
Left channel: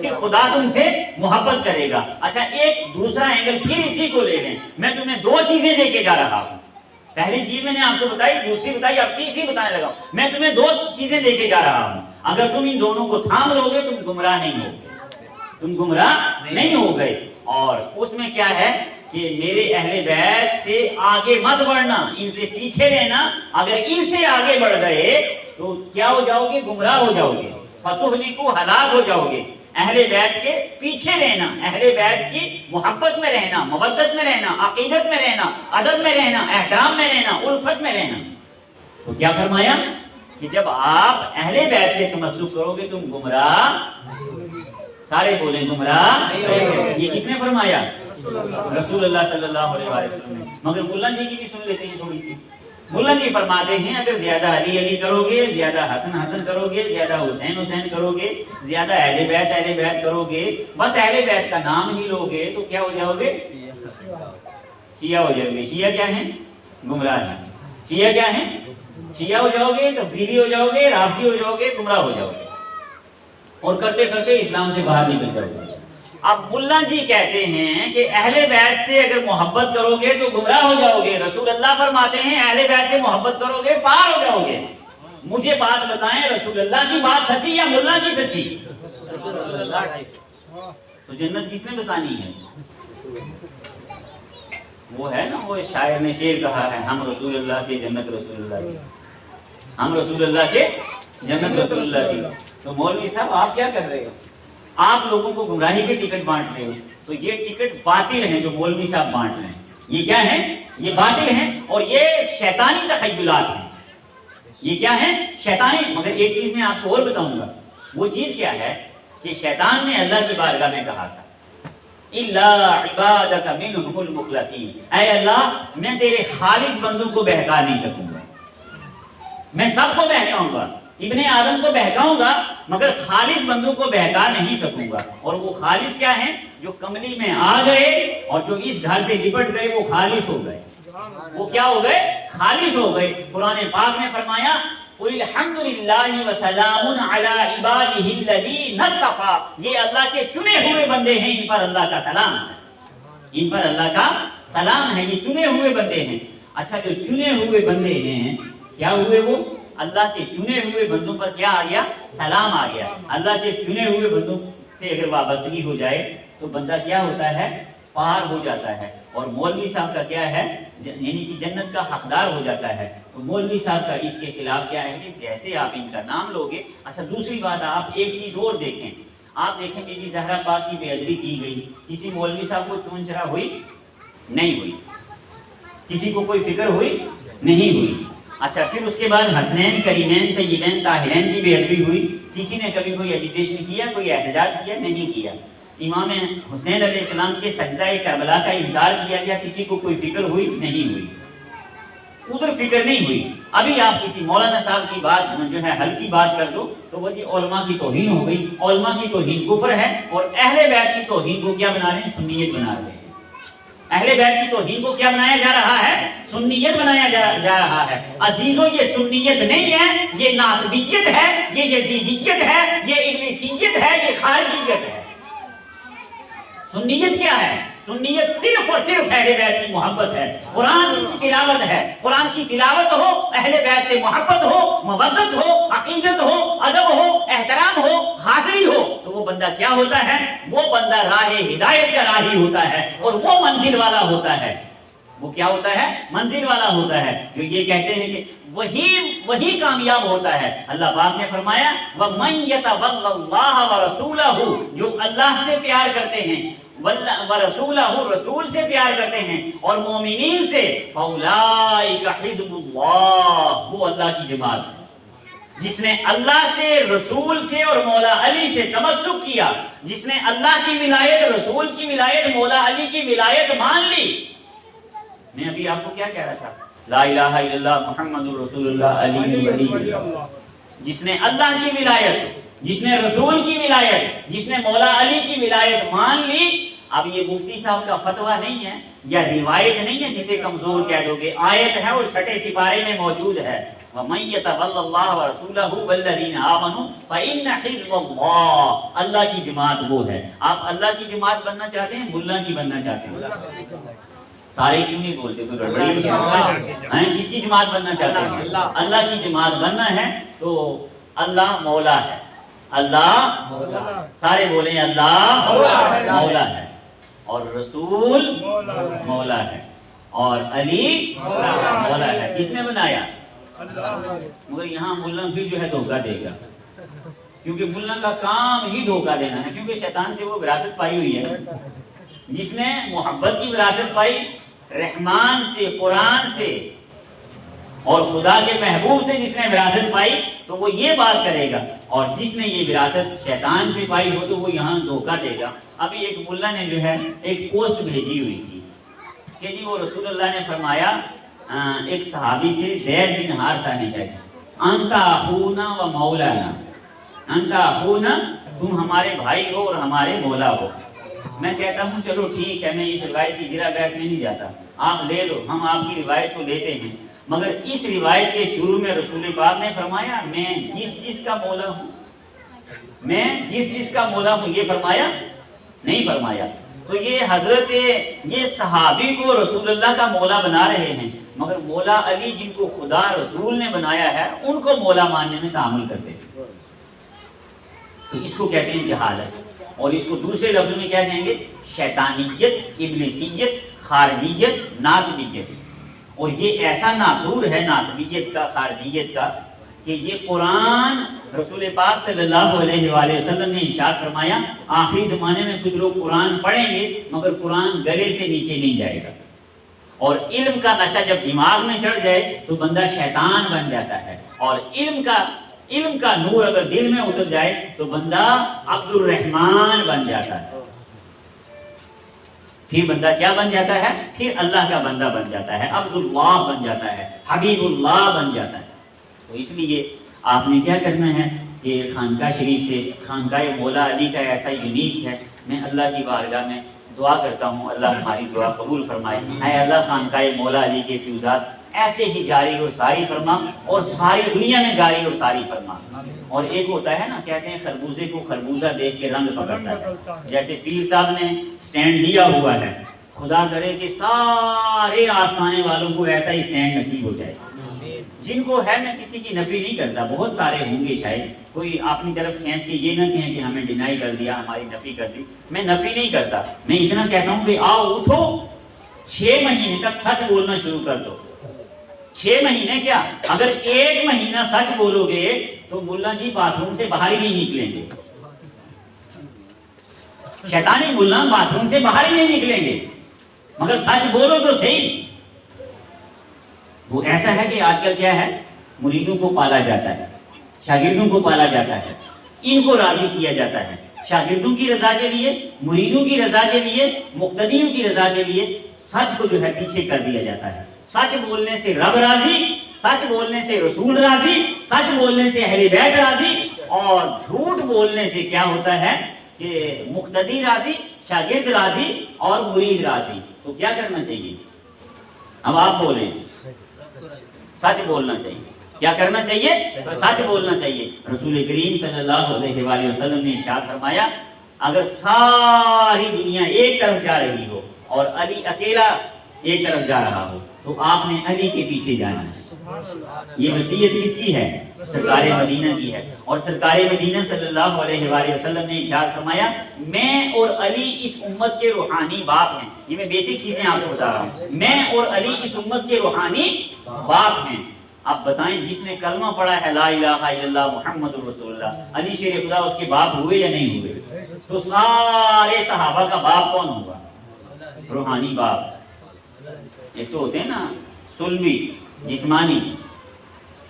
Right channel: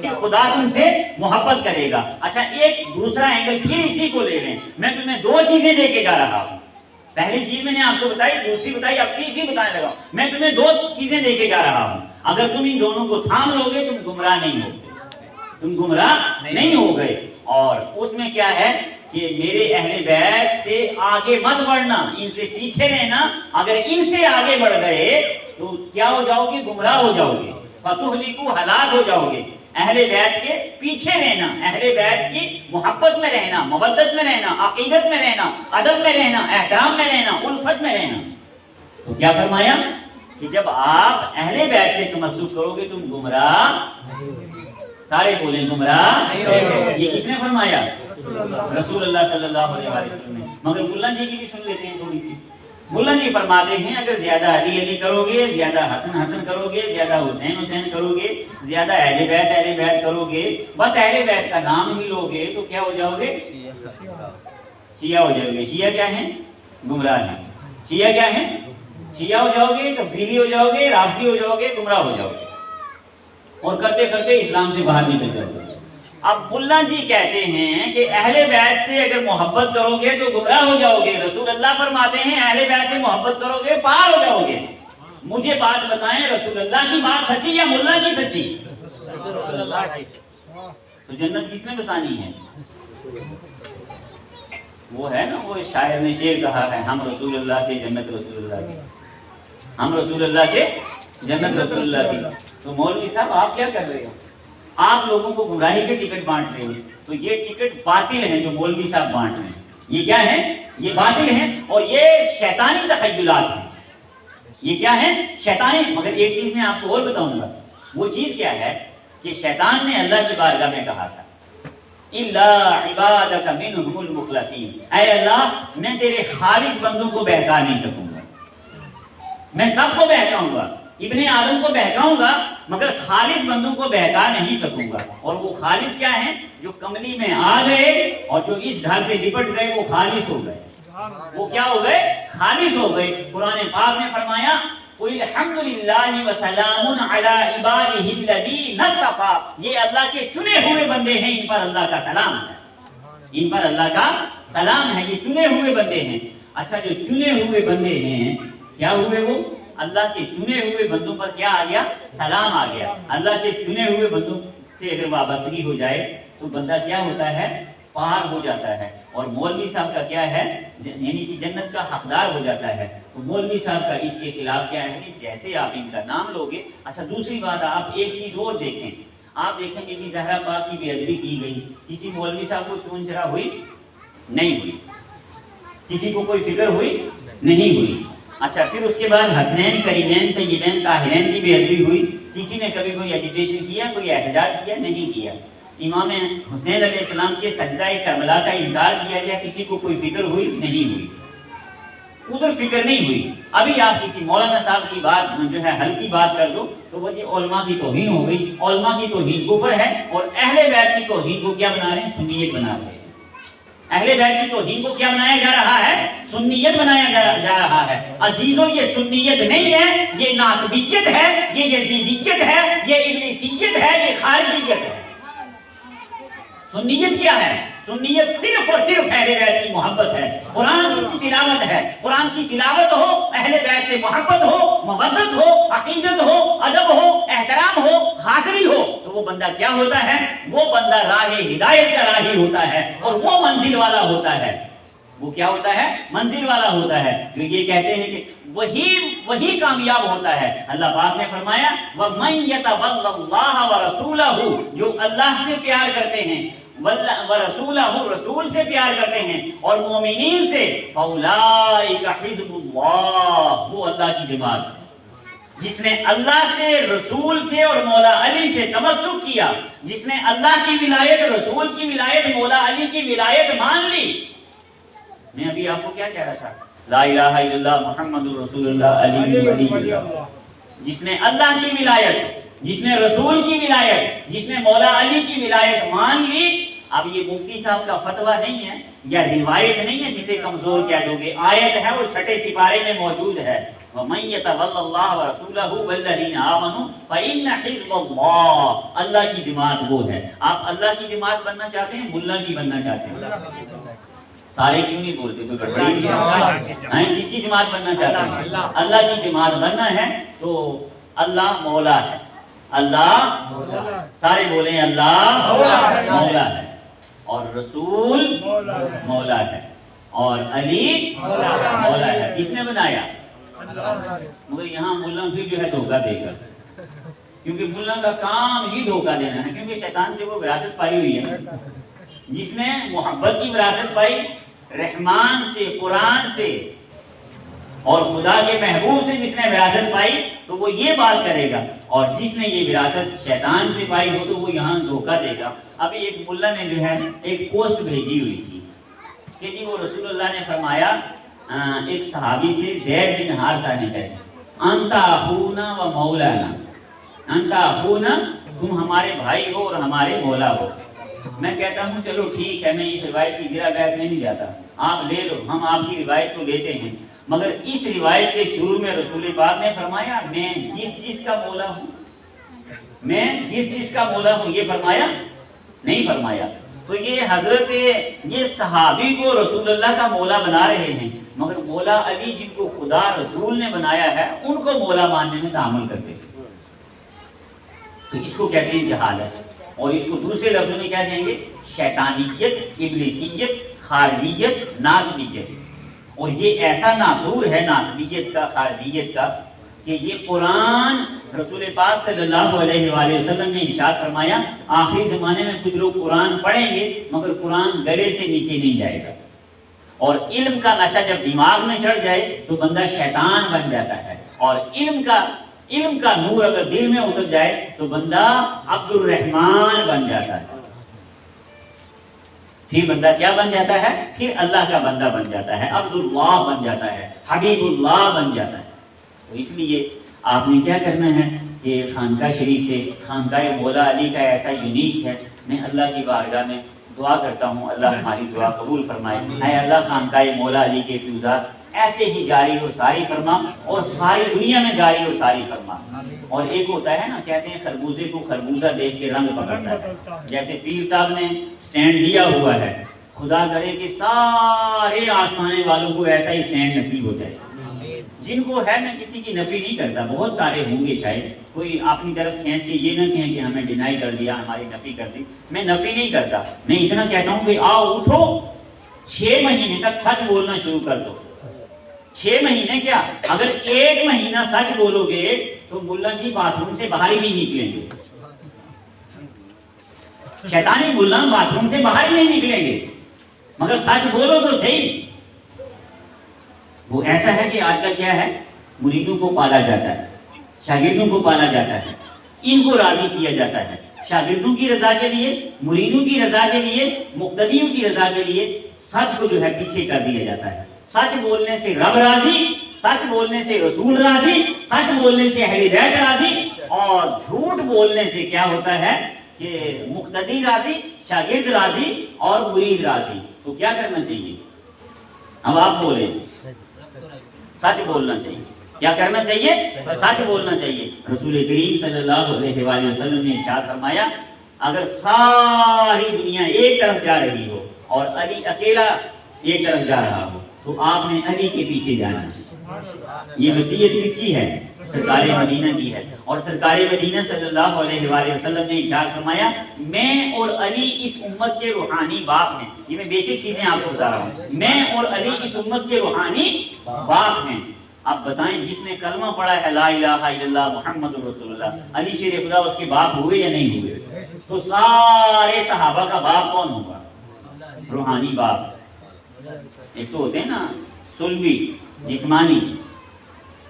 پھر خدا تم سے محبت کرے گا۔ اچھا ایک دوسرا اینگل پھر اسی کو لے لیں، میں تمہیں دو چیزیں دے کے جا رہا ہوں، پہلی چیز میں نے آپ کو بتائی، دوسری بتائی، اب تیسری بتانے لگا ہوں، میں تمہیں دو چیزیں دے کے جا رہا ہوں، اگر تم ان دونوں کو تھام لو گے تم گمراہ نہیں ہوگے، تم گمراہ نہیں ہو گئے۔ اور اس میں کیا ہے کہ میرے اہل بیت سے آگے مت بڑھنا، ان سے پیچھے رہنا، اگر ان سے آگے بڑھ گئے تو کیا ہو جاؤ گے؟ گمراہ ہو جاؤ گے، فتہلکو ہلاک ہو جاؤ گے۔ اہل بیت کے پیچھے رہنا، اہل بیت کی محبت میں رہنا، مودت میں رہنا، عقیدت میں رہنا، ادب میں رہنا، احترام میں رہنا، الفت میں رہنا۔ تو کیا فرمایا کہ جب آپ اہل بیت سے تمسک کرو گے تم گمراہ، سارے بولیں گمراہ، یہ کس نے فرمایا؟ رسول اللہ صلی اللہ علیہ وسلم نے۔ مگر ملا جی کی بھی سن لیتے ہیں تھوڑی سی۔ ملا جی فرماتے ہیں اگر زیادہ علی علی کرو گے، زیادہ حسن حسن کرو گے، زیادہ حسین حسین کرو گے، زیادہ اہل بیت کرو گے، بس اہل بیت کا نام ہی لو گے تو کیا ہو جاؤ گے؟ شیعہ ہو جاؤ گے۔ شیعہ کیا ہیں؟ گمراہ ہیں۔ شیعہ کیا ہیں؟ شیعہ ہو جاؤ گے، تفسیری ہو جاؤ گے، رافضی ہو جاؤ گے، گمراہ ہو جاؤ گے، اور کرتے کرتے اسلام سے باہر نکل جاؤ گے۔ اب ملا جی کہتے ہیں کہ اہل بیت سے اگر محبت کرو گے تو گمراہ ہو جاؤ گے، رسول اللہ فرماتے ہیں اہل بیت سے محبت کرو گے پار ہو جاؤ گے۔ مجھے بات بتائیں رسول اللہ کی بات سچی یا ملا کی سچی؟ تو جنت کس نے بسانی ہے؟ وہ ہے نا، وہ شاعر نے شعر کہا ہے ہم رسول اللہ کی جنت رسول اللہ کی، ہم رسول اللہ کے جنت رسول اللہ کی۔ تو مولوی صاحب آپ کیا کر رہے ہو؟ آپ لوگوں کو گمراہی کے ٹکٹ بانٹ رہے ہو، تو یہ ٹکٹ باطل ہیں جو مولوی صاحب بانٹ رہے ہیں، یہ کیا ہیں؟ یہ باطل ہیں، اور یہ شیطانی تخیلات ہیں۔ یہ کیا ہیں؟ شیطانی۔ مگر ایک چیز میں آپ کو اور بتاؤں گا، وہ چیز کیا ہے کہ شیطان نے اللہ کی بارگاہ میں کہا تھا اِلَّا عِبَادَكَ مِنْهُمُ الْمُخْلَصِينَ، اے اللہ میں تیرے خالص بندوں کو بہکا نہیں سکوں گا، میں سب کو بہکاؤں گا، ابن آدم کو بہکاؤں گا مگر خالص بندوں کو بہکا نہیں سکوں گا۔ اور وہ خالص کیا ہیں؟ جو کملی میں آ گئے اور جو اس گھر سے لپٹ گئے وہ خالص ہو گئے، وہ کیا ہو گئے؟ خالص ہو گئے۔ قرآن پاک نے فرمایا قُلِ الْحَمْدُ لِلَّهِ وَسَلَامٌ عَلَىٰ عِبَادِهِ الَّذِينَ اصْطَفَىٰ، یہ اللہ کے چنے ہوئے بندے ہیں، ان پر اللہ کا سلام ہے، ان پر اللہ کا سلام ہے، یہ چنے ہوئے بندے ہیں۔ اچھا جو چنے ہوئے بندے ہیں کیا ہوئے؟ وہ اللہ کے چنے ہوئے بندوں پر کیا آ گیا؟ سلام آ گیا۔ اللہ کے چنے ہوئے بندوں سے اگر وابستگی ہو جائے تو بندہ کیا ہوتا ہے؟ پار ہو جاتا ہے۔ اور مولوی صاحب کا کیا ہے؟ یعنی کہ جنت کا حقدار ہو جاتا ہے۔ تو مولوی صاحب کا اس کے خلاف کیا ہے کہ جیسے آپ ان کا نام لوگے۔ اچھا دوسری بات آپ ایک چیز اور دیکھیں، آپ دیکھیں بی بی زہرا پاک کی بے ادبی کی گئی، کسی مولوی صاحب کو چون چرا ہوئی؟ نہیں ہوئی، کسی کو کوئی فکر ہوئی؟ نہیں ہوئی۔ اچھا پھر اس کے بعد حسنین کریمین طیبین طاہرین کی بے ادبی ہوئی، کسی نے کبھی کوئی ایجیٹیشن کیا، کوئی احتجاج کیا؟ نہیں کیا۔ امام حسین علیہ السلام کے سجدہ کربلا کا انکار کیا گیا، کسی کو کوئی فکر ہوئی؟ نہیں ہوئی، ادھر فکر نہیں ہوئی۔ ابھی آپ کسی مولانا صاحب کی بات جو ہے ہلکی بات کر دو تو وہ جی علماء کی توہین ہو گئی، علماء کی توہین کفر ہے، اور اہل بیت کی توہین کو کیا بنا رہے ہیں؟ سنیت بنا رہے ہیں۔ اہل بیت کی توہین کو کیا بنایا جا رہا ہے؟ سنیت بنایا جا رہا ہے۔ عزیزوں یہ سنیت نہیں ہے، یہ ناصبیت ہے، یہ یزیدیت ہے، یہ ابلیسیت ہے، یہ خارجیت ہے۔ سنیت کیا ہے؟ سنیت صرف اور صرف اہل بیت کی محبت ہے، قرآن اس کی تلاوت ہے، قرآن کی تلاوت ہو، اہل بیت سے محبت ہو، مودت ہو، عقیدت ہو، ادب ہو، احترام ہو، حاضری ہو، تو وہ بندہ کیا ہوتا ہے؟ وہ بندہ راہ ہدایت کا راہی ہوتا ہے اور وہ منزل والا ہوتا ہے۔ وہ کیا ہوتا ہے؟ منزل والا ہوتا ہے۔ جو یہ کہتے ہیں کہ وہی کامیاب ہوتا ہے۔ اللہ پاک نے فرمایا وَمَن يَتَوَلَّ اللَّهَ وَرَسُولَهُ، جو اللہ سے پیار کرتے ہیں، وَرَسُولَهُ رسول سے پیار کرتے ہیں، اور مومنین سے، فَأُولَٰئِكَ حِزْبُ اللَّهِ، وہ اللہ کی جماعت۔ جس نے اللہ سے، رسول سے اور مولا علی سے تمسک کیا، جس نے اللہ کی ولایت، رسول کی ولایت، مولا علی کی ولایت مان لی۔ میں ابھی آپ کو کیا کہہ رہا تھا؟ لا الہ الا اللہ محمد رسول اللہ علی ولی اللہ۔ جس نے اللہ کی ولایت، جس نے رسول کی ولایت، جس نے مولا علی کی ولایت مان لی۔ اب یہ مفتی صاحب کا فتویٰ نہیں ہے یا روایت نہیں ہے جسے کمزور کہہ دو گے، آیت ہے اور 6 سپارے میں موجود ہے۔ وَمَن يَتَوَلَّ اللَّهَ وَرَسُولَهُ وَالَّذِينَ آمَنُوا فَإِنَّ حِزْبَ اللَّهِ، اللہ کی جماعت وہ ہے۔ آپ اللہ کی جماعت بننا چاہتے ہیں، ملا کی بننا چاہتے ہیں؟ سارے کیوں نہیں بولتے؟ کوئی گڑبڑی ہے؟ کس کی جماعت بننا چاہتے ہیں؟ اللہ کی جماعت بننا ہے تو اللہ مولا ہے، اللہ سارے بولیں اللہ مولا ہے، اور رسول مولا ہے، اور علی مولا ہے۔ کس نے بنایا؟ مگر یہاں ملا پھر جو ہے دھوکہ دے گا، کیونکہ ملا کا کام ہی دھوکہ دینا ہے، کیونکہ شیطان سے وہ وراثت پائی ہوئی ہے۔ جس نے محبت کی وراثت پائی رحمان سے، قرآن سے اور خدا کے محبوب سے، جس نے وراثت پائی تو وہ یہ بات کرے گا، اور جس نے یہ وراثت شیطان سے پائی ہو تو وہ یہاں دھوکہ دے گا۔ ابھی ایک ملا نے جو ہے ایک پوسٹ بھیجی ہوئی تھی کہ جی وہ رسول اللہ نے فرمایا ایک صحابی سے، زید بن حارثہ نے کہا انت اخونا و مولانا، انت اخونا، تم ہمارے بھائی ہو اور ہمارے مولا ہو۔ میں کہتا ہوں چلو ٹھیک ہے، میں اس روایت کی زیرہ بحث میں نہیں جاتا، آپ لے لو، ہم آپ کی روایت کو لیتے ہیں، مگر اس روایت کے شروع میں رسول پاک نے فرمایا میں جس کا مولا ہوں، میں جس کا مولا ہوں، یہ فرمایا نہیں فرمایا۔ تو یہ حضرت، یہ صحابی کو رسول اللہ کا مولا بنا رہے ہیں، مگر مولا علی جن کو خدا رسول نے بنایا ہے ان کو مولا ماننے میں تعامل کرتے ہیں، تو اس کو کہتے ہیں جہالت، اور اس کو دوسرے لفظ میں کیا کہیں گے؟ شیطانیت، ابلیسیت، خارجیت، ناسبیت۔ اور یہ ایسا ناسور ہے ناسبیت کا، خارجیت کا، کہ یہ قرآن رسول پاک صلی اللہ علیہ وآلہ وسلم نے ارشاد فرمایا آخری زمانے میں کچھ لوگ قرآن پڑھیں گے مگر قرآن گلے سے نیچے نہیں جائے گا، اور علم کا نشہ جب دماغ میں چڑھ جائے تو بندہ شیطان بن جاتا ہے، اور علم کا نور اگر دل میں اتر جائے تو بندہ عبد الرحمن بن جاتا ہے۔ پھر بندہ کیا بن جاتا ہے؟ پھر اللہ کا بندہ بن جاتا ہے، عبد اللہ بن جاتا ہے، حبیب اللہ بن جاتا ہے۔ تو اس لیے آپ نے کیا کرنا ہے کہ خانقاہ شریف سے، خانقاہ مولا علی کا ایسا یونیک ہے، میں اللہ کی بارگاہ میں دعا کرتا ہوں اللہ ہماری دعا قبول فرمائے۔ اے اللہ خانقاہ مولا علی کے فیوزات ایسے ہی جاری اور ساری فرما، اور ساری دنیا میں جاری اور ساری فرما۔ اور ایک ہوتا ہے نا، کہتے ہیں خربوزے کو خربوزہ دیکھ کے رنگ پکڑتا ہے، جیسے پیر صاحب نے سٹینڈ لیا ہوا ہے، خدا کرے کہ سارے آسمانے والوں کو ایسا ہی سٹینڈ نصیب ہو جائے۔ جن کو ہے، میں کسی کی نفی نہیں کرتا، بہت سارے ہوں گے شاید، کوئی اپنی طرف کھینچ کے یہ نہ کہیں کہ ہمیں ڈینائی کر دیا، ہماری نفی کر دی، میں نفی نہیں کرتا، میں اتنا کہتا ہوں کہ آؤ اٹھو، 6 مہینے تک سچ بولنا شروع کر دو۔ 6 مہینے کیا، اگر 1 مہینہ سچ بولو گے تو ملا جی باتھ روم سے باہر ہی نہیں نکلیں گے، شیطانی ملا باتھ روم سے باہر ہی نہیں نکلیں گے، مگر سچ بولو تو صحیح۔ وہ ایسا ہے کہ آج کل کیا ہے، مریدوں کو پالا جاتا ہے، شاگردوں کو پالا جاتا ہے، ان کو راضی کیا جاتا ہے، شاگردوں کی رضا کے لیے، مریدوں کی رضا کے لیے، مقتدیوں کی رضا کے لیے سچ کو جو ہے پیچھے کر دیا جاتا ہے۔ سچ بولنے سے رب راضی، سچ بولنے سے رسول راضی، سچ بولنے سے اہل بیت راضی، اور جھوٹ بولنے سے کیا ہوتا ہے کہ مقتدی راضی، شاگرد راضی اور مرید راضی۔ تو کیا کرنا چاہیے؟ اب آپ بولیں، سچ بولنا چاہیے۔ کیا کرنا چاہیے؟ سچ بولنا چاہیے۔ رسول کریم صلی اللہ علیہ وآلہ وسلم نے ارشاد فرمایا اگر ساری دنیا ایک طرف جا رہی ہو اور علی اکیلا ایک طرف جا رہا ہو تو آپ نے علی کے پیچھے جانا ہے. یہ وصیت کس کی ہے؟ سرکار مدینہ کی ہے. اور سرکار مدینہ صلی اللہ علیہ وآلہ وسلم نے ارشاد فرمایا میں اور علی اس امت کے روحانی باپ ہیں. یہ میں بیسک چیزیں آپ کو بتا رہا ہوں. میں اور علی اس امت کے روحانی باپ ہیں. آپ بتائیں جس نے کلمہ پڑھا ہے لا الہ الا اللہ محمد رسول اللہ، علی شیر خدا اس کے باپ ہوئے یا نہیں ہوئے؟ تو سارے صحابہ کا باپ کون ہوگا؟ روحانی باپ. ایک تو ہوتے ہیں نا سلبی جسمانی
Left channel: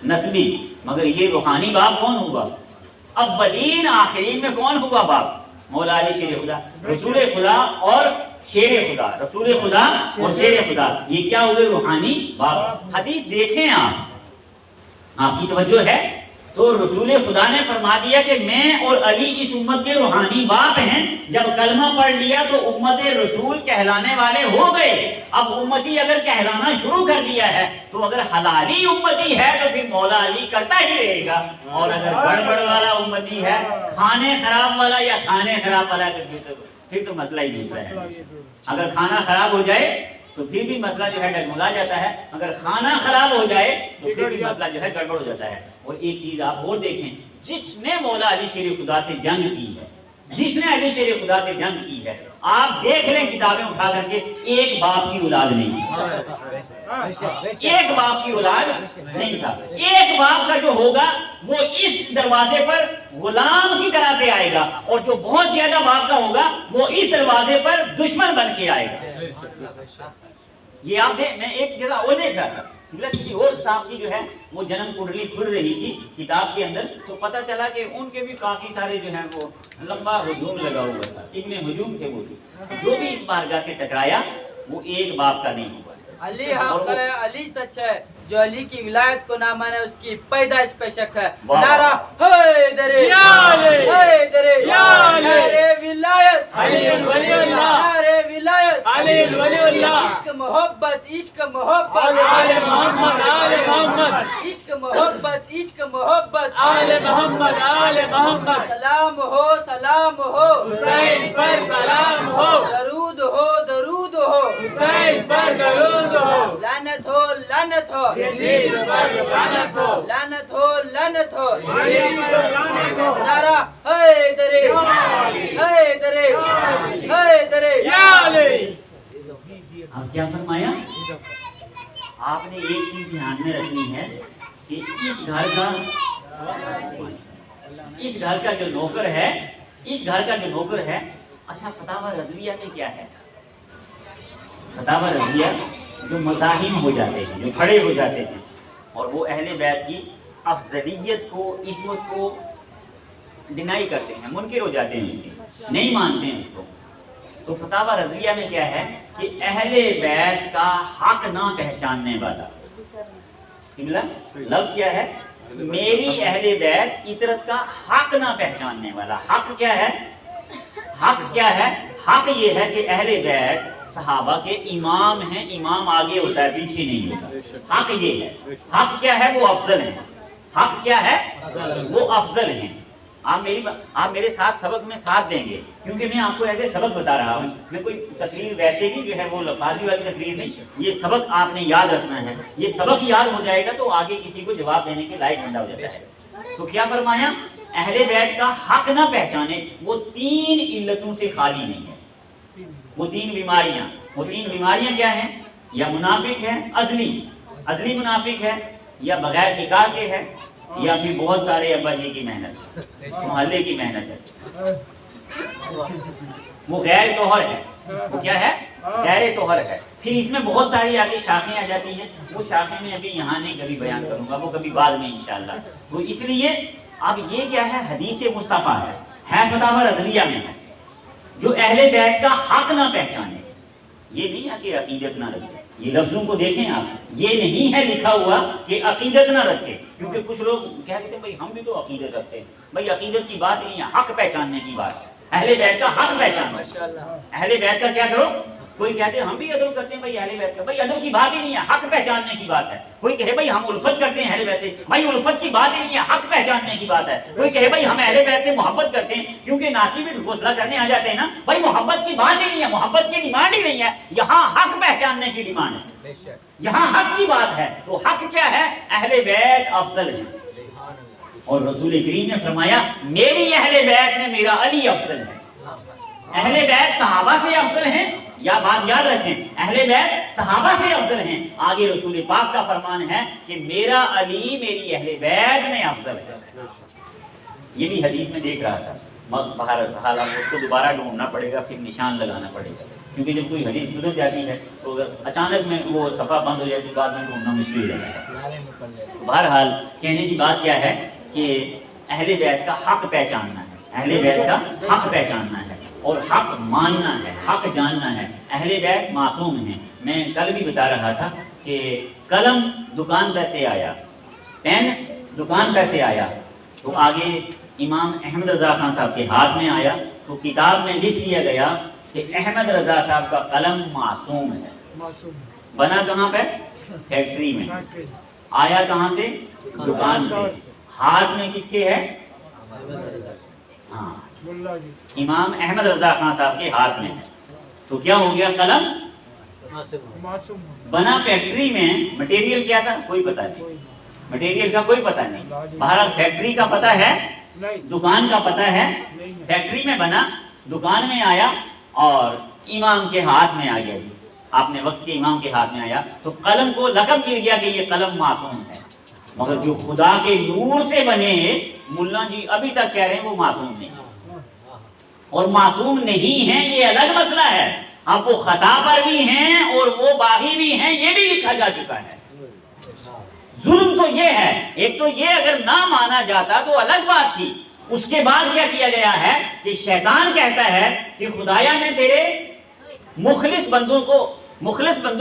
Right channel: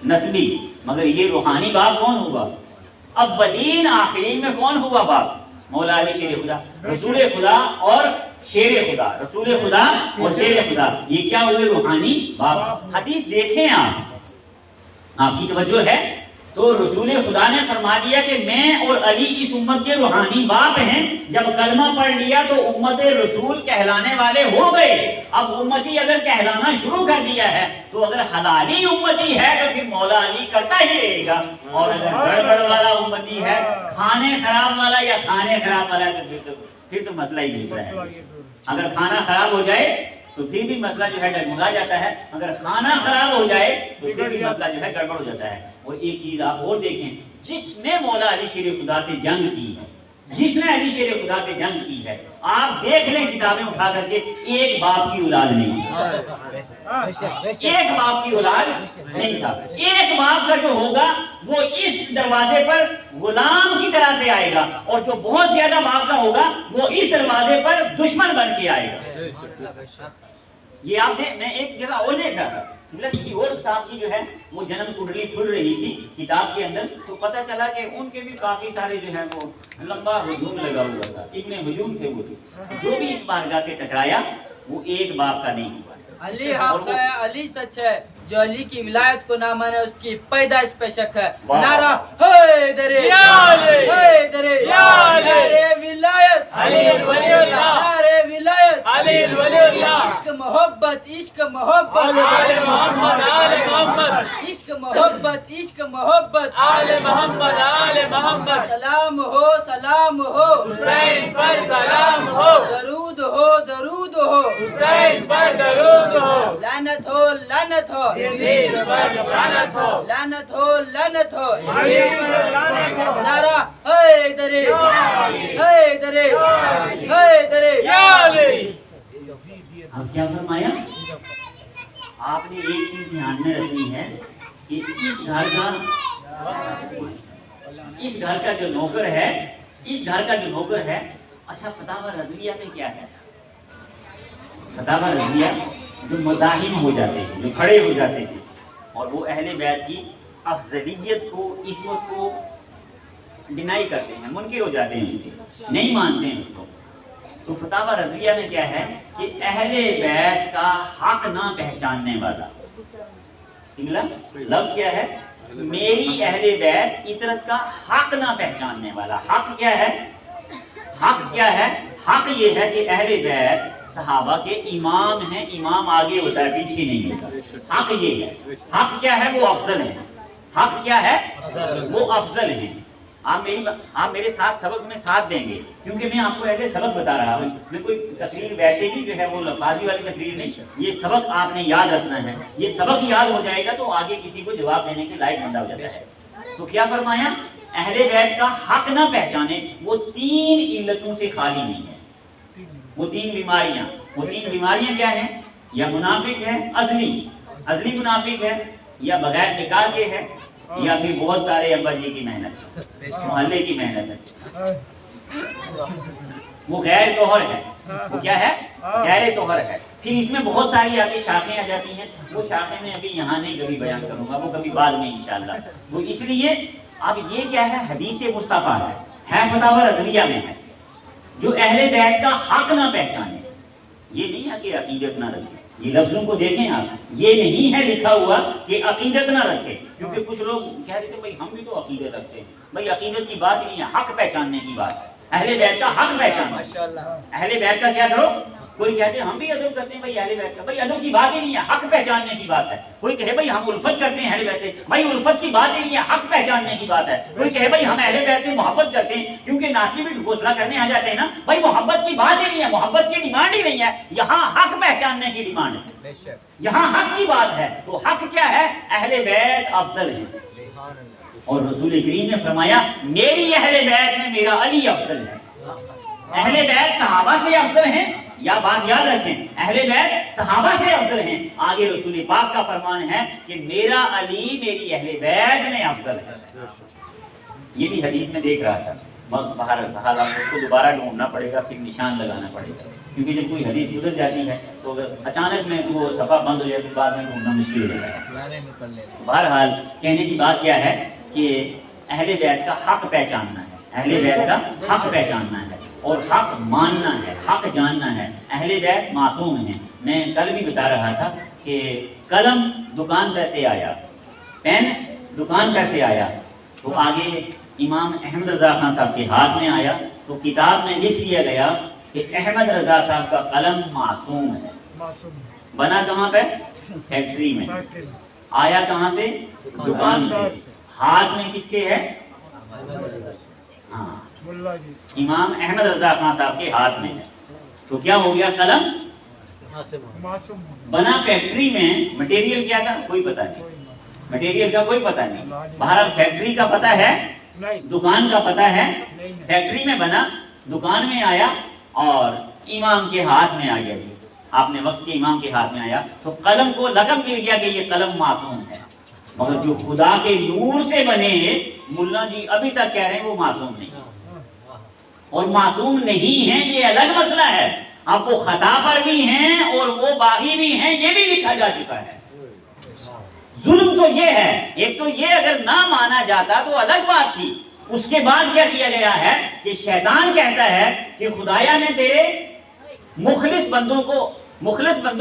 نسلی، مگر یہ روحانی باپ کون ہوگا؟ اولین آخرین میں کون ہوا باپ؟ مولا علی شیر خدا، رسول خدا اور شیر خدا. رسول خدا اور شیر خدا یہ کیا ہوئے؟ روحانی باپ. حدیث دیکھیں آپ کی توجہ ہے تو رسول خدا نے فرما دیا کہ میں اور علی اس امت کے روحانی باپ ہیں. جب کلمہ پڑھ لیا تو امت رسول کہلانے والے ہو گئے. اب امتی اگر کہلانا شروع کر دیا ہے تو اگر حلالی امتی ہے تو پھر مولا علی کرتا ہی رہے گا. اور اگر گڑبڑ والا امتی ہے، کھانے خراب والا یا کھانے خراب والا، پھر تو مسئلہ ہی دوسرا ہے. اگر کھانا خراب ہو جائے تو پھر بھی مسئلہ جو ہے ڈگمگا جاتا ہے. اگر کھانا خراب ہو جائے تو پھر بھی مسئلہ جو ہے گڑبڑ ہو جاتا ہے. اور ایک چیز آپ اور دیکھیں، جس نے مولا علی شیر خدا سے جنگ کی ہے، جس نے علی شیر خدا سے جنگ کی ہے، آپ دیکھ لیں کتابیں اٹھا کر کے، ایک باپ کی اولاد نہیں، ایک باپ کی اولاد نہیں تھا. ایک باپ کا جو ہوگا وہ اس دروازے پر غلام کی طرح سے آئے گا، اور جو بہت زیادہ باپ کا ہوگا وہ اس دروازے پر دشمن بن کے آئے گا. یہ آپ نے، میں ایک جگہ اور دیکھ رہا تھا، کسی اور صاحب کی جو ہے وہ جنم کنڈلی کھل رہی تھی کتاب کے اندر، تو پتہ چلا کہ ان کے بھی کافی سارے جو ہے وہ لمبا ہجوم لگا ہوا تھا. ابن ہجوم تھے وہ بھی. جو بھی اس بارگاہ سے ٹکرایا وہ ایک باپ کا نہیں ہوا. علی حق ہے، علی سچ ہے. جو علی کی ولایت کو نہ مانے اس کی پیدائش پہ شک ہے. نعرہ حیدری یا علی، حیدری یا علی، نعرہ ولایت علی ولی اللہ، نعرہ ولایت علی ولی اللہ. عشق محبت، عشق محبت آل محمد، آل محمد. عشق محبت، عشق محبت آل محمد، آل محمد. سلام ہو، سلام ہو حسین پر، سلام ہو. درود ہو، درود ہو حسین پر، درود ہو. لعنت ہو، لعنت ہو یزید پر، لعنت ہو، لعنت ہو، لعنت ہو یزید پر، لعنت ہو. نعرہ حیدری، حیدری، حیدری یا علی. اب کیا فرمایا؟ آپ نے ایک چیز دھیان میں رکھنی ہے کہ اس گھر کا جو نوکر ہے، اس گھر کا جو نوکر ہے. اچھا فتاوی رضویہ میں کیا ہے؟ فتاوی رضویہ جو مزاحم ہو جاتے ہیں، جو کھڑے ہو جاتے ہیں اور وہ اہل بیت کی افضلیت کو، عصمت کو ڈینائی کرتے ہیں، منکر ہو جاتے ہیں، اس کے نہیں مانتے ہیں اس کو. تو فتاوی رضویہ میں کیا ہے کہ اہل بیت کا حق نہ پہچاننے والا، لفظ کیا ہے؟ میری اہل بیت عطرت کا حق نہ پہچاننے والا. حق کیا ہے؟ حق کیا ہے؟ حق یہ ہے کہ اہل بیت صحابہ کے امام ہیں. امام آگے ہوتا ہے، پیچھے نہیں ہوتا. حق یہ ہے. حق کیا ہے؟ وہ افضل ہے. حق کیا ہے؟ وہ افضل ہیں. آپ میرے ساتھ سبق میں ساتھ دیں گے، کیونکہ میں آپ کو ایسے سبق بتا رہا ہوں. میں کوئی تقریر ویسے ہی جو ہے وہ لفاظی والی تقریر نہیں. یہ سبق آپ نے یاد رکھنا ہے. یہ سبق یاد ہو جائے گا تو آگے کسی کو جواب دینے کے لائق بندہ ہو جاتا ہے. تو کیا فرمایا؟ اہل بیت کا حق نہ پہچانے. وہ 3 علتوں سے خالی نہیں ہے. وہ 3 بیماریاں، وہ 3 بیماریاں کیا ہیں؟ یا منافق ہے ازلی منافق ہے، یا بغیر نکاح کے ہے، یا پھر بہت سارے ابا جی کی محنت، محلے کی محنت ہے. وہ غیر طہر ہے. وہ کیا ہے؟ غیر طہر ہے. پھر اس میں بہت ساری آگے شاخیں آ جاتی ہیں. وہ شاخیں میں ابھی یہاں نہیں کبھی بیان کروں گا، وہ کبھی بعد میں انشاءاللہ. وہ اس لیے اب یہ کیا ہے؟ حدیث مصطفیٰ ہے فتاوی رضویہ میں ہے. جو اہل بیت کا حق نہ پہچانے، یہ نہیں ہے کہ عقیدت نہ رکھے. یہ لفظوں کو دیکھیں آپ، یہ نہیں ہے لکھا ہوا کہ عقیدت نہ رکھے. کیونکہ کچھ لوگ کہہ دیتے ہیں بھائی ہم بھی تو عقیدت رکھتے ہیں. بھائی عقیدت کی بات نہیں ہے، حق پہچاننے کی بات ہے. اہل بیت کا حق پہچانو. اہل بیت کا کیا کرو؟ کوئی کہتے ہیں ہم بھی ادب کرتے ہیں بھائی اہل بیت کا، بھائی ادب کی بات ہی نہیں ہے، حق پہچاننے کی بات ہے۔ کوئی کہے بھائی ہم الفت کرتے ہیں اہل بیت سے، بھائی الفت کی بات ہی نہیں ہے، حق پہچاننے کی بات ہے۔ کوئی کہے بھائی ہم اہل بیت سے محبت کرتے ہیں کیونکہ ناصری بھی گھوسلا کرنے آ جاتے ہیں نا، بھائی محبت کی بات ہی نہیں ہے، محبت کی ڈیمانڈ ہی نہیں ہے، یہاں حق پہچاننے کی ڈیمانڈ ہے، یہاں حق کی بات ہے۔ تو حق کیا ہے؟ اہل بیت افضل ہیں، اور رسول کریم نے فرمایا میری اہل بیت میں میرا علی افضل ہے۔ اہل بیت صحابہ سے افضل ہیں، یا بات یاد رکھیں، اہل بیت صحابہ سے افضل ہیں۔ آگے رسول پاک کا فرمان ہے کہ میرا علی میری اہل بیت میں افضل ہے۔ یہ بھی حدیث میں دیکھ رہا تھا، بہرحال آپ اس کو دوبارہ ڈھونڈنا پڑے گا، پھر نشان لگانا پڑے گا، کیونکہ جب کوئی حدیث گزر جاتی ہے تو اگر اچانک میں وہ صفحہ بند ہو جائے تو بعد میں ڈھونڈنا مشکل ہو جاتا ہے۔ بہرحال کہنے کی بات کیا ہے کہ اہل بیت کا حق پہچاننا ہے، اہل بیت کا حق پہچاننا ہے اور حق ماننا ہے، حق جاننا ہے۔ اہل بیت معصوم ہیں۔ میں کل بھی بتا رہا تھا کہ قلم دکان پہ سے آیا، پین دکان پہ سے آیا، تو آگے امام احمد رضا خان صاحب کے ہاتھ میں آیا تو کتاب میں لکھ دیا گیا کہ احمد رضا صاحب کا قلم معصوم ہے۔ بنا کہاں پہ؟ فیکٹری میں۔ آیا کہاں سے؟ دکان سے۔ ہاتھ میں کس کے ہے؟ ہاں، امام احمد رضا خان صاحب کے ہاتھ میں ہے، تو کیا ہو گیا؟ قلم بنا فیکٹری میں۔ مٹیریل کیا تھا؟ کوئی پتہ نہیں، مٹیریل کا کوئی پتہ نہیں۔ بہرحال فیکٹری کا پتہ ہے، دکان کا پتہ ہے۔ فیکٹری میں بنا، دکان میں آیا اور امام کے ہاتھ میں آ گیا۔ جی آپ نے وقت کے امام کے ہاتھ میں آیا تو قلم کو لقب مل گیا کہ یہ قلم معصوم ہے، مگر جو خدا کے نور سے بنے ملا جی ابھی تک کہہ رہے ہیں وہ معصوم نہیں، اور معصوم نہیں ہیں یہ الگ مسئلہ ہے۔ اب وہ خطا پر بھی ہیں اور وہ باغی بھی ہیں، یہ بھی لکھا جا چکا ہے۔ ظلم تو یہ ہے، ایک تو یہ اگر نہ مانا جاتا تو الگ بات تھی، اس کے بعد کیا کیا گیا ہے کہ شیطان کہتا ہے کہ خدایا میں تیرے مخلص بندوں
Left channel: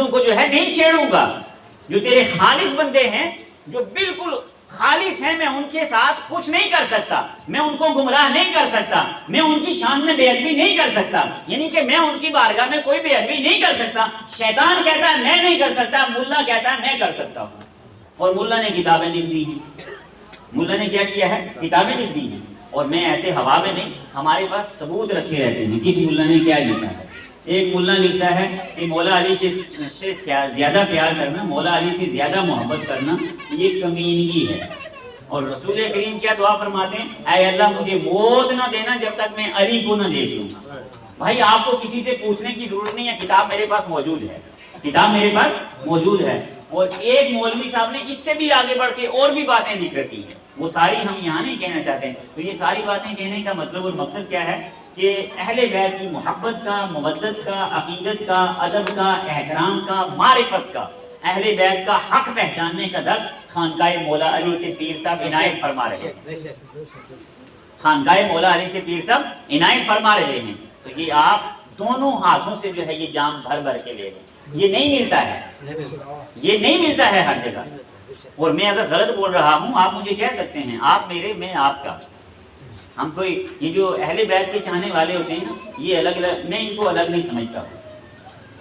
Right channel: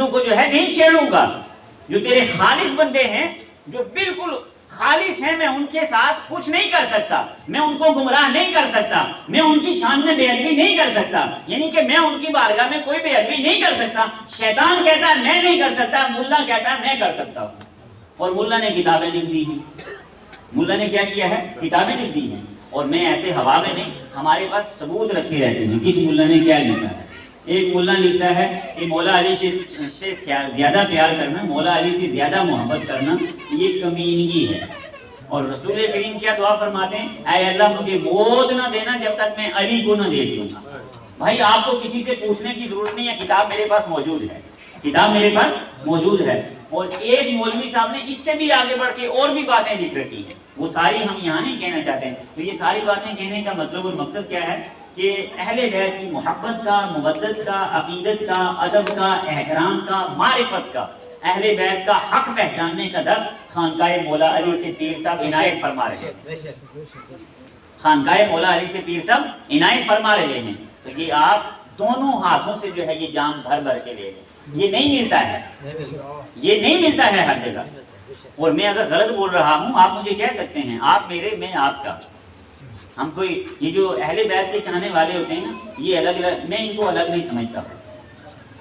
کو جو ہے نہیں چھیڑوں گا، جو تیرے خالص بندے ہیں، جو بالکل خالص ہیں، میں ان کے ساتھ کچھ نہیں کر سکتا، میں ان کو گمراہ نہیں کر سکتا، میں ان کی شان میں بے ادبی نہیں کر سکتا، یعنی کہ میں ان کی بارگاہ میں کوئی بے ادبی نہیں کر سکتا۔ شیطان کہتا ہے میں نہیں کر سکتا، ملا کہتا ہے میں کر سکتا ہوں، اور ملا نے کتابیں لکھ دی ہیں۔ ملا نے کیا کیا ہے؟ کتابیں لکھ دی ہیں، اور میں ایسے ہوا میں نہیں، ہمارے پاس ثبوت رکھے رہتے ہیں کس ملا نے کیا لکھا ہے۔ ایک ملا لکھتا ہے کہ مولا علی سے زیادہ پیار کرنا، مولا علی سے زیادہ محبت کرنا یہ کمینگی ہے، اور رسول کریم کیا دعا فرماتے ہیں؟ اے اللہ مجھے موت نہ دینا جب تک میں علی کو نہ دیکھ لوں گا۔ بھائی آپ کو کسی سے پوچھنے کی ضرورت نہیں ہے، کتاب میرے پاس موجود ہے، کتاب میرے پاس موجود ہے، اور ایک مولوی صاحب نے اس سے بھی آگے بڑھ کے اور بھی باتیں لکھ رکھی ہیں، وہ ساری ہم یہاں نہیں کہنا چاہتے ہیں۔ تو یہ ساری باتیں کہنے کا مطلب اور مقصد کیا ہے کہ اہل بیت کی محبت کا، مودت کا، عقیدت کا، ادب کا، احترام کا، معرفت کا، اہل بیت کا حق پہچاننے کا درس خانقاہ مولا علی سے پیر صاحب عنایت فرما رہے ہیں، خانقاہ مولا علی سے پیر صاحب عنایت فرما رہے ہیں۔ تو یہ آپ دونوں ہاتھوں سے جو ہے یہ جام بھر بھر کے لے لیں، یہ نہیں ملتا ہے، یہ نہیں ملتا ہے ہر جگہ۔ اور میں اگر غلط بول رہا ہوں آپ مجھے کہہ سکتے ہیں، آپ میرے میں آپ کا۔ ہم کوئی یہ جو اہل بیت کے چاہنے والے ہوتے ہیں نا، یہ الگ الگ، میں ان کو الگ نہیں سمجھتا ہوں۔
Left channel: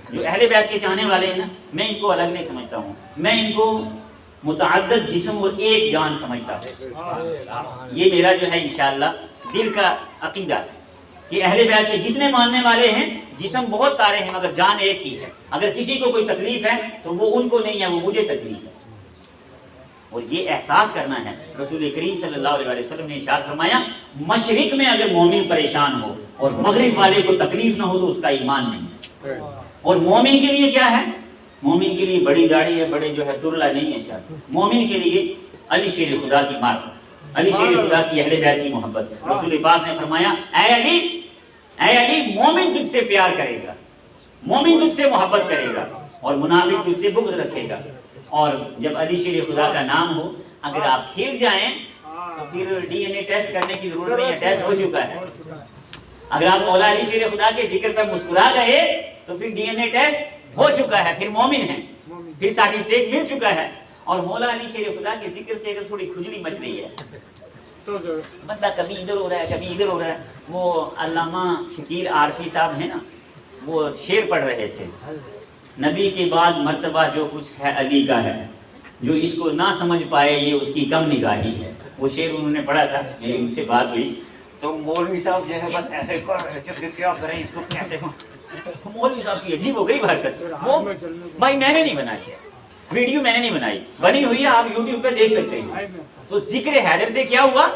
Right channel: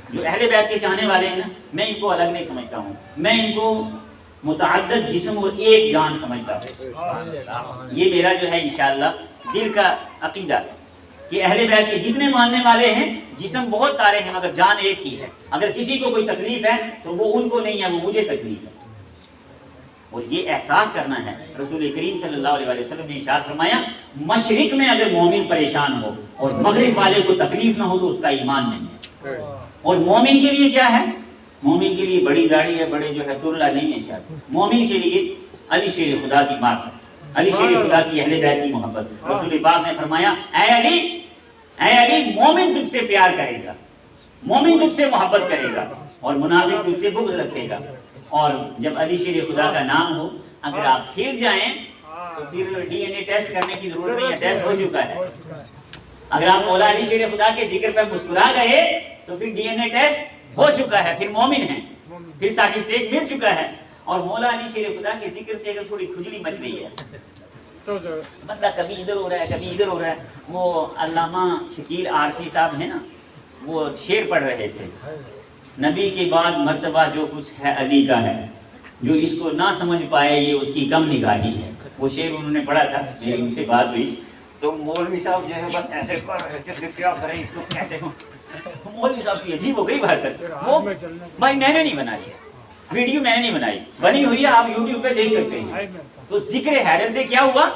جو اہل بیت کے چاہنے والے ہیں نا، میں ان کو الگ نہیں سمجھتا ہوں، میں ان کو متعدد جسم اور ایک جان سمجھتا ہوں۔ یہ میرا جو ہے انشاءاللہ دل کا عقیدہ ہے کہ اہل بیت کے جتنے ماننے والے ہیں جسم بہت سارے ہیں مگر جان ایک ہی ہے۔ اگر کسی کو کوئی تکلیف ہے تو وہ ان کو نہیں ہے، وہ مجھے تکلیف ہے، اور یہ احساس کرنا ہے۔ رسول کریم صلی اللہ علیہ وسلم نے ارشاد فرمایا مشرق میں اگر مومن پریشان ہو اور مغرب والے کو تکلیف نہ ہو تو اس کا ایمان نہیں ہے۔ اور مومن کے لیے کیا ہے؟ مومن کے لیے بڑی گاڑی ہے، بڑے جو ہے ترلا نہیں ہے شاید، مومن کے لیے علی شیر خدا کی معرفت، علی شیر خدا کی اہل بیت کی محبت۔ رسول پاک نے فرمایا اے علی مومن تجھ سے پیار کرے گا، مومن تجھ سے محبت کرے گا، اور منافق تجھ سے بغض رکھے گا۔ اور جب علی شیر خدا کا نام ہو اگر آپ کھیل جائیں تو پھر ڈی این اے ٹیسٹ کرنے کی ضرورت نہیں ہے، ٹیسٹ ہو چکا ہے۔ اگر آپ مولا علی شیر خدا کے ذکر پر مسکرا گئے تو پھر ڈی این اے ٹیسٹ ہو چکا ہے، پھر مومن ہیں، پھر سرٹیفکیٹ مل چکا ہے۔ اور مولا علی شیر خدا کے ذکر سے اگر تھوڑی کھجلی مچ رہی ہے، بندہ کبھی ادھر ہو رہا ہے کبھی ادھر ہو رہا ہے، وہ علامہ شکیل عارفی صاحب ہیں نا، وہ شعر پڑھ رہے تھے، نبی کے بعد مرتبہ جو کچھ ہے علی کا ہے، جو اس کو نہ سمجھ پائے یہ اس کی کم نگاہی ہے. وہ شعر انہوں نے پڑھا تھا، یہ ان سے بات ہوئی تو مولوی صاحب جو ہے بس ایسے کر رہے تھے کہ کیا کریں اس کو کیسے. مولوی صاحب کی عجیب ہو گئی حرکت. وہ بھائی میں نے نہیں بنائی ہے ویڈیو، میں نے نہیں بنائی، بنی ہوئی ہے، آپ یوٹیوب پہ دیکھ سکتے ہیں. تو ذکر حیدر سے کیا ہوا؟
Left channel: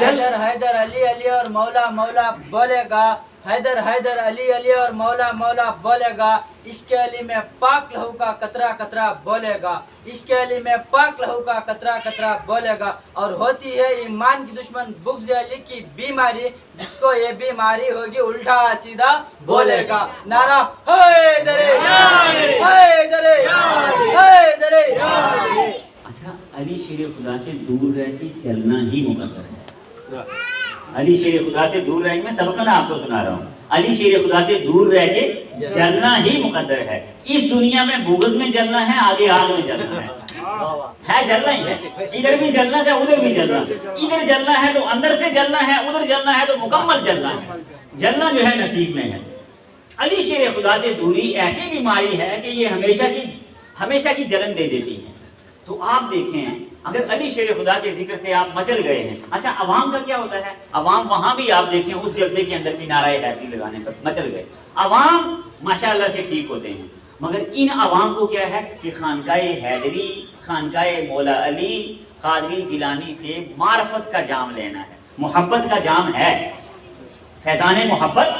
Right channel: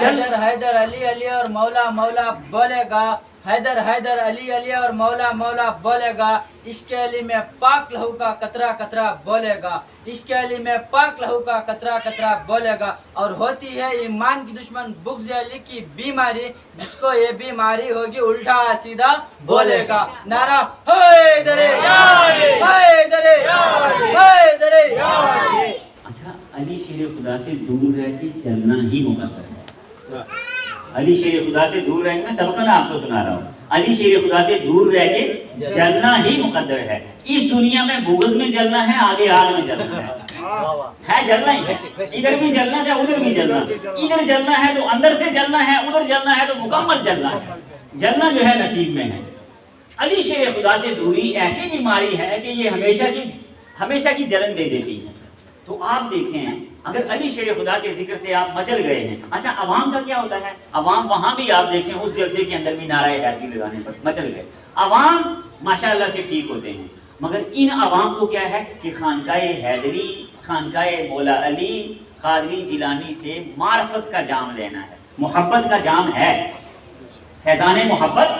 حیدر حیدر علی علی اور مولا مولا بولے گا، حیدر حیدر علی علی اور مولا مولا بولے گا، عشق علی میں پاک لہو کا قطرہ قطرہ بولے گا، عشق علی میں پاک لہو کا قطرہ قطرہ بولے گا. اور ہوتی ہے ایمان کی دشمن بغض علی کی بیماری، جس کو یہ بیماری ہوگی الٹا سیدھا بولے گا. نعرہ حیدر حیدر حیدر. اچھا، علی شیر خدا سے دور رہ کے چلنا ہی مقدر ہے. علی شیر خدا سے دور رہ کے، میں سبق نا آپ کو سنا رہا ہوں، علی شیر خدا سے دور رہ کے چلنا ہی مقدر ہے. اس دنیا میں بغض میں جلنا ہے، آگے آگ میں جلنا ہے جلنا ہی ہے. ادھر بھی جلنا ہے، ادھر بھی جلنا ہے. ادھر جلنا ہے تو اندر سے جلنا ہے، ادھر جلنا ہے تو مکمل جلنا ہے. جلنا جو ہے نصیب میں ہے. علی شیر خدا سے دوری ایسی بیماری ہے کہ یہ ہمیشہ کی جلن دے دیتی ہے. تو آپ دیکھیں، اگر علی شیر خدا کے ذکر سے آپ مچل گئے ہیں. اچھا، عوام کا کیا ہوتا ہے؟ عوام وہاں بھی آپ دیکھیں، اس جلسے کے اندر بھی نعرہ حیدری لگانے پر مچل گئے. عوام ماشاءاللہ سے ٹھیک ہوتے ہیں، مگر ان عوام کو کیا ہے کہ خانقاہ حیدری، خانقاہ مولا علی، قادری جیلانی سے معرفت کا جام لینا ہے، محبت کا جام ہے، فیضان محبت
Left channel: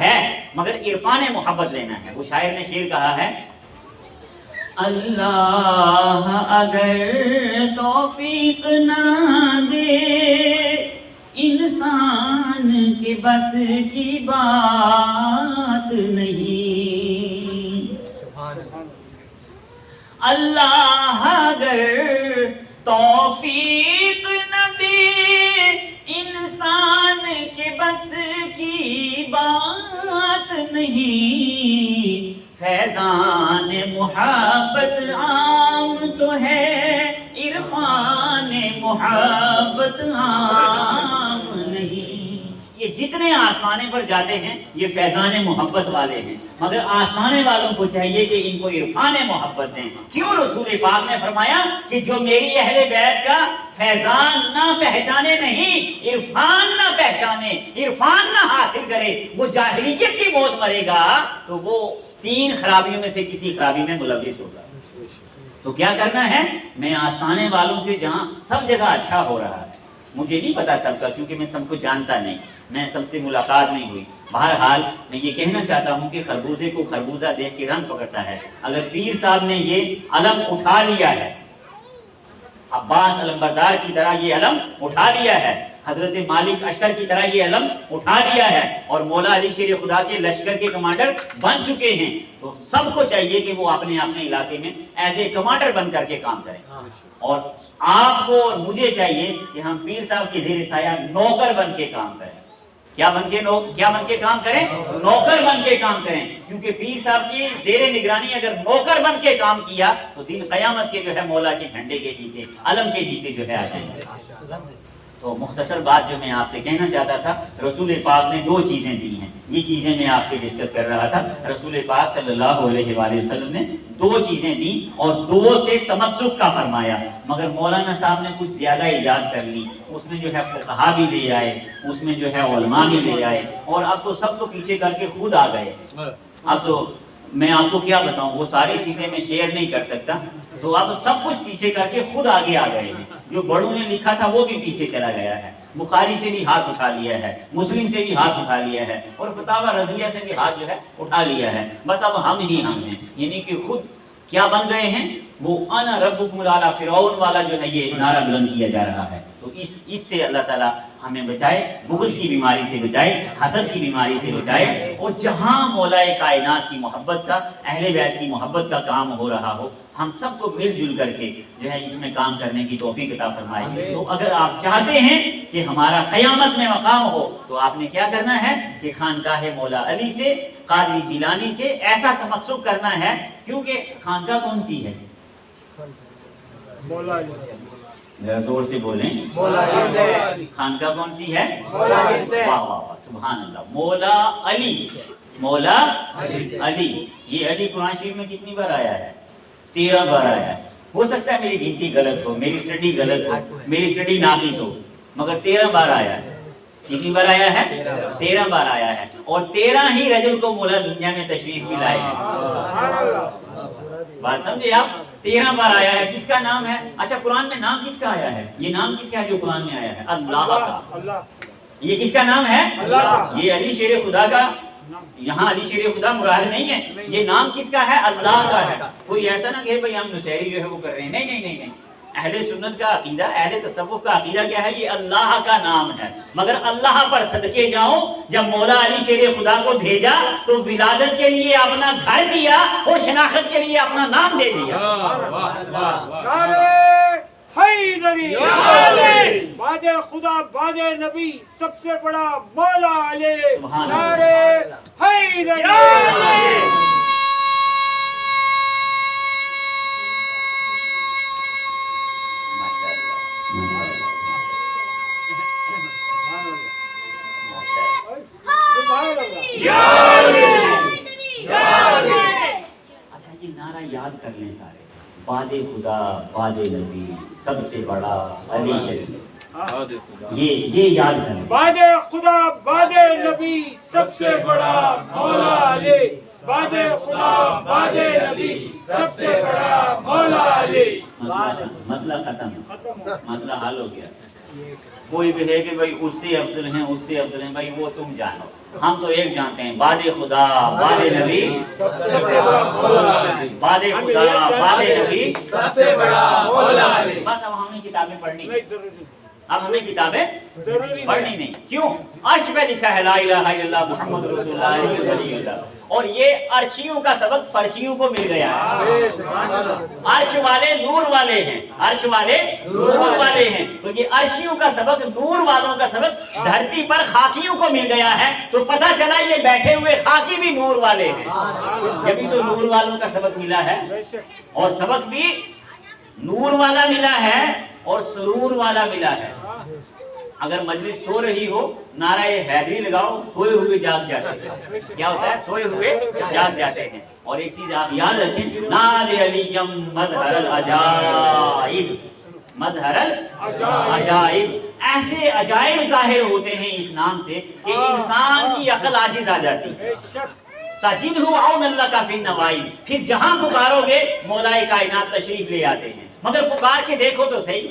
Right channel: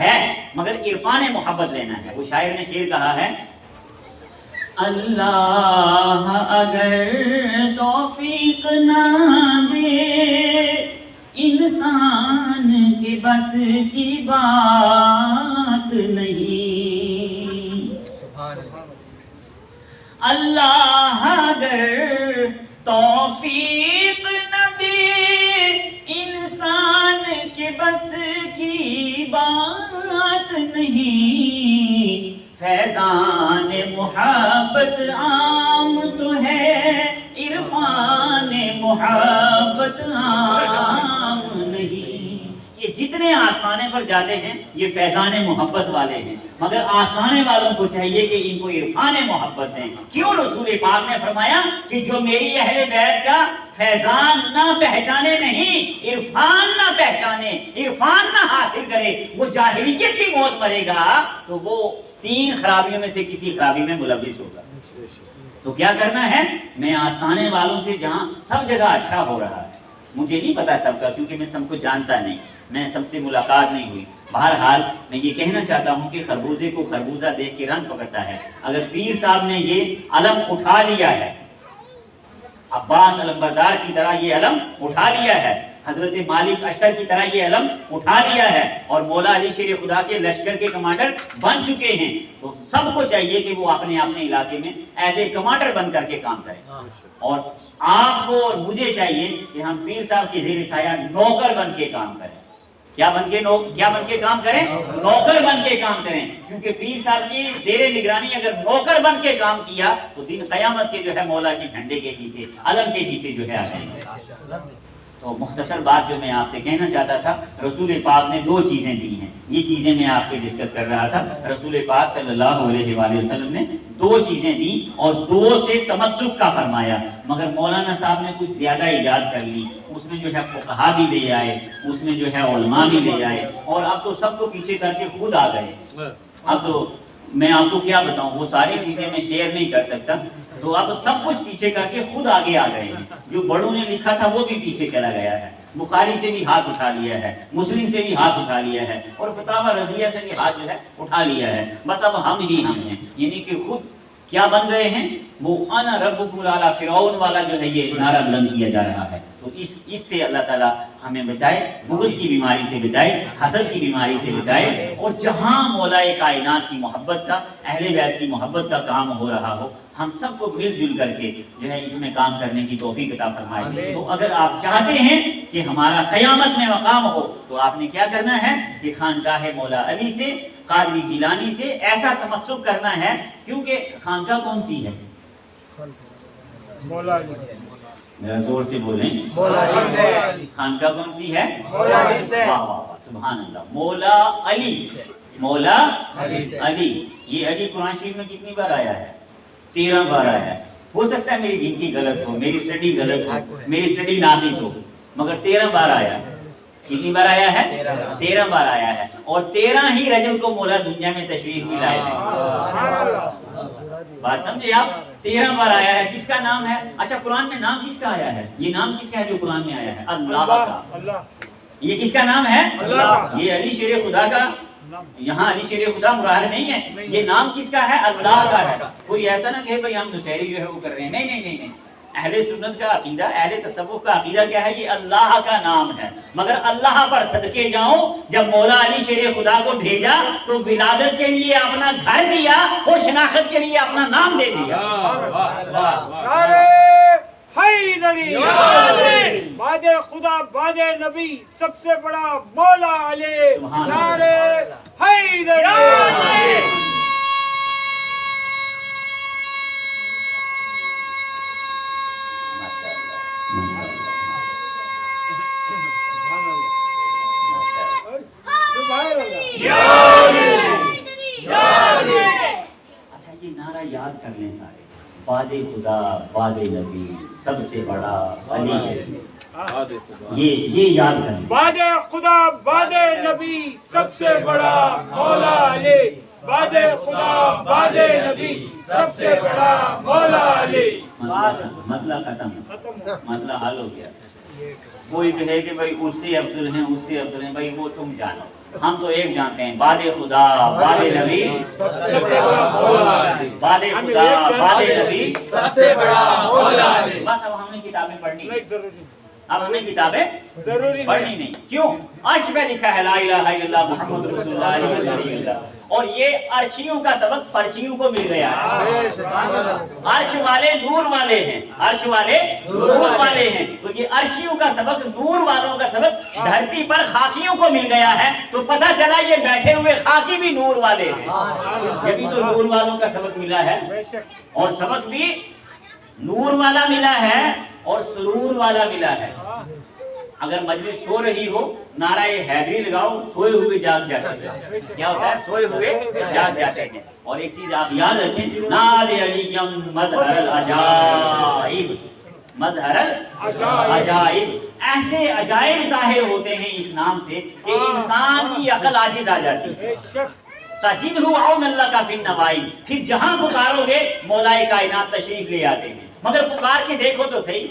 ہے، مگر عرفان محبت لینا ہے. وہ شاعر نے شعر کہا ہے، اللہ اگر توفیق نہ دے انسان کے بس کی بات نہیں. اللہ اگر توفیق نہ دے انسان کے بس کی بات نہیں. فیضان محبت عام تو ہے، عرفان محبت عام نہیں. یہ جتنے آسمانے پر جاتے ہیں یہ فیضان محبت والے ہیں، مگر آسمانے والوں کو چاہیے کہ ان کو عرفان محبت ہے. کیوں رسول پاک نے فرمایا کہ جو میری اہل بیت کا فیضان نہ پہچانے نہیں، عرفان نہ پہچانے، عرفان نہ حاصل کرے، وہ جاہلیت کی موت مرے گا تو وہ 3 خرابیوں میں سے کسی خرابی میں ملوث ہوگا. تو کیا کرنا ہے؟ میں آستانے والوں سے جہاں سب جگہ اچھا ہو رہا ہے، مجھے نہیں پتا سب کا، کیونکہ میں سب کو جانتا نہیں، میں سب سے ملاقات نہیں ہوئی. بہرحال میں یہ کہنا چاہتا ہوں کہ خربوزے کو خربوزہ دیکھ کے رنگ پکڑتا ہے. اگر پیر صاحب نے یہ علم اٹھا لیا ہے، عباس علمبردار کی طرح یہ علم اٹھا لیا ہے، حضرت مالک اشتر کی طرح یہ علم اٹھا لیا ہے، اور مولا علی شیر خدا کے لشکر کے کمانڈر بن چکے ہیں، تو سب کو چاہیے کہ وہ اپنے علاقے میں ایز اے کمانڈر بن کر کے کام کریں. اور آپ کو اور مجھے چاہیے کہ ہم پیر صاحب کی زیر سایہ نوکر بن کے کام کریں. کیا بن کے کام کریں؟ نوکر بن کے کام کریں. کیونکہ پیر صاحب کی زیر نگرانی اگر نوکر بن کے کام کیا تو دن قیامت کے جو ہے مولا کے جھنڈے کے پیچھے، علم کے پیچھے جو ہے آ جائیں گے. تو مختصر بات جو میں آپ سے کہنا چاہتا تھا، رسول پاک نے 2 چیزیں دی ہیں. یہ چیزیں میں آپ سے ڈسکس کر رہا تھا. رسول پاک صلی اللہ علیہ وآلہ وسلم نے 2 چیزیں دی اور 2 سے تمسک کا فرمایا. مگر مولانا صاحب نے کچھ زیادہ ایجاد کر لی. اس میں جو ہے فقہا بھی لے آئے، اس میں جو ہے علماء بھی لے آئے، اور اب تو سب کو پیچھے کر کے خود آ گئے. اب تو میں آپ کو کیا بتاؤں، وہ ساری چیزیں میں شیئر نہیں کر سکتا. تو اب سب کچھ پیچھے کر کے خود آگے آ گئے ہیں. جو بڑوں نے لکھا تھا وہ بھی پیچھے چلا گیا ہے. بخاری سے بھی ہاتھ اٹھا لیا ہے، مسلم سے بھی ہاتھ اٹھا لیا ہے، اور فتاوی رضویہ سے بھی ہاتھ جو ہے اٹھا لیا ہے. بس اب ہم ہی ہم ہیں، یعنی کہ خود کیا بن گئے ہیں؟ وہ انا ربکم الاعلی، فرعون والا جو ہے یہ نعرہ بلند کیا جا رہا ہے. تو اس سے اللہ تعالیٰ ہمیں بچائے، بغض کی بیماری سے بچائے، حسد کی بیماری سے بچائے. اور جہاں مولا کائنات کی محبت کا، اہل بیت کی محبت کا کام ہو رہا ہو، ہم سب کو مل جل کر کے جو ہے اس میں کام کرنے کی توفیق عطا فرمائے. تو اگر آپ چاہتے ہیں کہ ہمارا قیامت میں مقام ہو تو آپ نے کیا کرنا ہے کہ خانقاہ مولا علی سے، قادری جیلانی سے ایسا تمسک کرنا ہے. کیونکہ خانقاہ کون سی ہے؟ مولا علی. میرا زور سے بولیں. خانقاہ کون سی ہے؟ واہ واہ واہ سبحان اللہ. مولا علی. مولا علی. یہ علی قرآن شریف میں کتنی بار آیا ہے؟ 13 بار آیا ہے. ہو سکتا ہے میری گنتی غلط ہو, میری اسٹڈی غلط ہو, میری اسٹڈی ناقص ہو, مگر 13 بار آیا ہے. کتنی بار آیا ہے؟ 13 بار آیا ہے. اور 13 ہی رجب کو مولا دنیا میں تشریف بھی لائے ہیں. بات سمجھے آپ؟ 13 بار آیا ہے. کس کا نام ہے؟ اچھا قرآن میں نام کس کا آیا ہے؟ یہ نام کس کا ہے جو قرآن میں آیا ہے؟ اللہ کا. یہ کس کا نام ہے؟ یہ علی شیر خدا کا. یہاں علی شیر خدا مراد نہیں ہے. یہ نام کس کا ہے؟ اللہ کا ہے. کوئی ایسا نہ کہ بھئی ہم نصیری جو ہے وہ کر رہے ہیں. نہیں نہیں نہیں نہیں. اہل سنت کا عقیدہ, اہل تصوف کا عقیدہ کیا ہے؟ یہ اللہ کا نام ہے. مگر اللہ پر صدقے جاؤں, جب مولا علی شیر خدا کو بھیجا تو ولادت کے لیے اپنا گھر دیا اور شناخت کے لیے اپنا نام دے دیا. حیدری بعد خدا بعد نبی سب سے بڑا مولا علی. نعرے حیدری. اچھا یہ نعرہ یاد کر لیں سارے. بعد خدا بعد نبی سب سے بڑا علی. یہ یاد کریں. بعد خدا بعد نبی سب سے بڑا مولا علی. بعد خدا بعد نبی سب سے بڑا مولا علی. مسئلہ ختم, مسئلہ حل ہو گیا. کوئی بھی ہے کہ بھائی اس سے افضل ہیں, اس سے افضل ہیں, بھائی وہ تم جانو. ہم تو ایک جانتے ہیں, بعد خدا بعد نبی سب سے بڑا مولا علی. بعد خدا بعد نبی سب سے بڑا مولا علی. بس اب ہمیں کتابیں پڑھنی نہیں. اب ہمیں کتابیں پڑھنی نہیں. کیوں؟ عرش پہ لکھا ہے لا الہ الا اللہ محمد رسول اللہ. اور یہ عرشیوں کا سبق فرشیوں کو مل گیا ہے. عرش والے نور والے ہیں, عرش والے نور والے ہیں. تو یہ عرشیوں کا سبق, نور والوں کا سبق دھرتی پر خاکیوں کو مل گیا ہے. تو پتہ چلا یہ بیٹھے ہوئے خاکی بھی نور والے ہیں. جبھی تو نور والوں کا سبق ملا ہے, اور سبق بھی نور والا ملا ہے اور سرور والا ملا ہے. اگر مجلس سو رہی ہو, نعرہ حیدری لگاؤ, سوئے ہوئے جاگ جاتے ہیں. کیا ہوتا ہے؟ سوئے ہوئے جاگ جاتے ہیں. اور ایک چیز آپ یاد رکھیں, نعرہ علیم مظہر العجائب. مظہر العجائب. ایسے عجائب ظاہر ہوتے ہیں اس نام سے کہ انسان کی عقل عاجز آ جاتی ہے. تجدہ عون اللہ کا فی النوائی. پھر جہاں پکارو گے مولا کائنات تشریف لے آتے ہیں. مگر پکار کے دیکھو تو صحیح,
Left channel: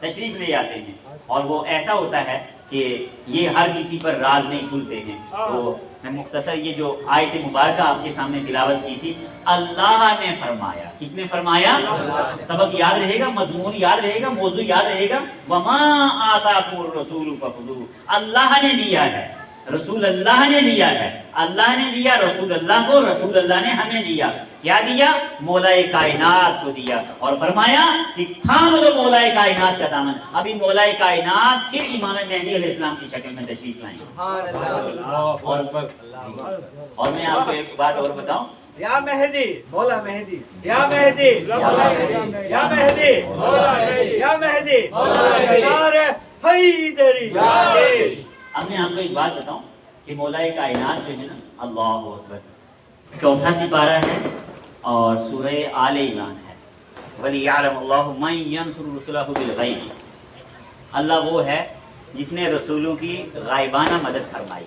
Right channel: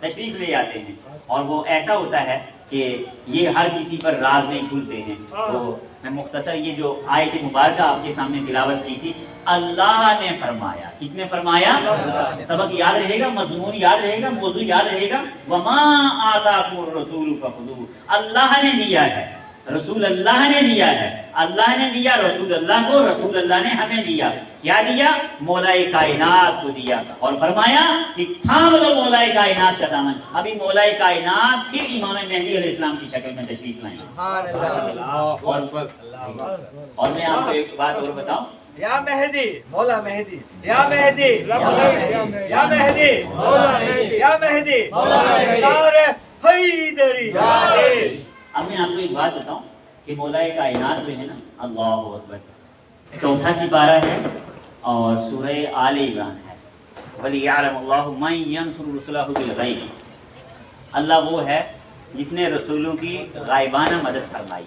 تشریف لے آتے ہیں. اور وہ ایسا ہوتا ہے کہ یہ ہر کسی پر راز نہیں کھلتے ہیں. تو میں مختصر یہ جو آیت مبارکہ آپ کے سامنے تلاوت کی تھی, اللہ نے فرمایا. کس نے فرمایا؟ سبق یاد رہے گا, مضمون یاد رہے گا, موضوع یاد رہے گا. وما آتاکم الرسول فخذوہ. اللہ نے دیا ہے, رسول اللہ نے دیا ہے. اللہ نے دیا رسول اللہ کو, رسول اللہ نے ہمیں دیا. کیا دیا؟ مولا کائنات کو دیا. اور فرمایا کہ تھام لو مولا کائنات کا دامن. ابھی مولا کائنات پھر امام مہدی علیہ السلام کی شکل میں تشریف لائیں. اور میں آپ کو ایک بات اور بتاؤں. یا مہدی مولا مہدی, یا مہدی مولا مہدی, یا مہدی مولا مہدی, یا مہدی مولا مہدی. نعرہ حیدری. اب میں آپ کو ایک بات بتاؤں کہ مولا کائنات جو ہے نا, اللہ اکبر, 4 سپارہ ہے اور سورہ آل عمران ہے. وَلِيَعْلَمَ اللَّهُ مَن يَنْصُرُ رُسُلَهُ بِالْغَيْبِ. اللہ وہ ہے جس نے رسولوں کی غائبانہ مدد فرمائی,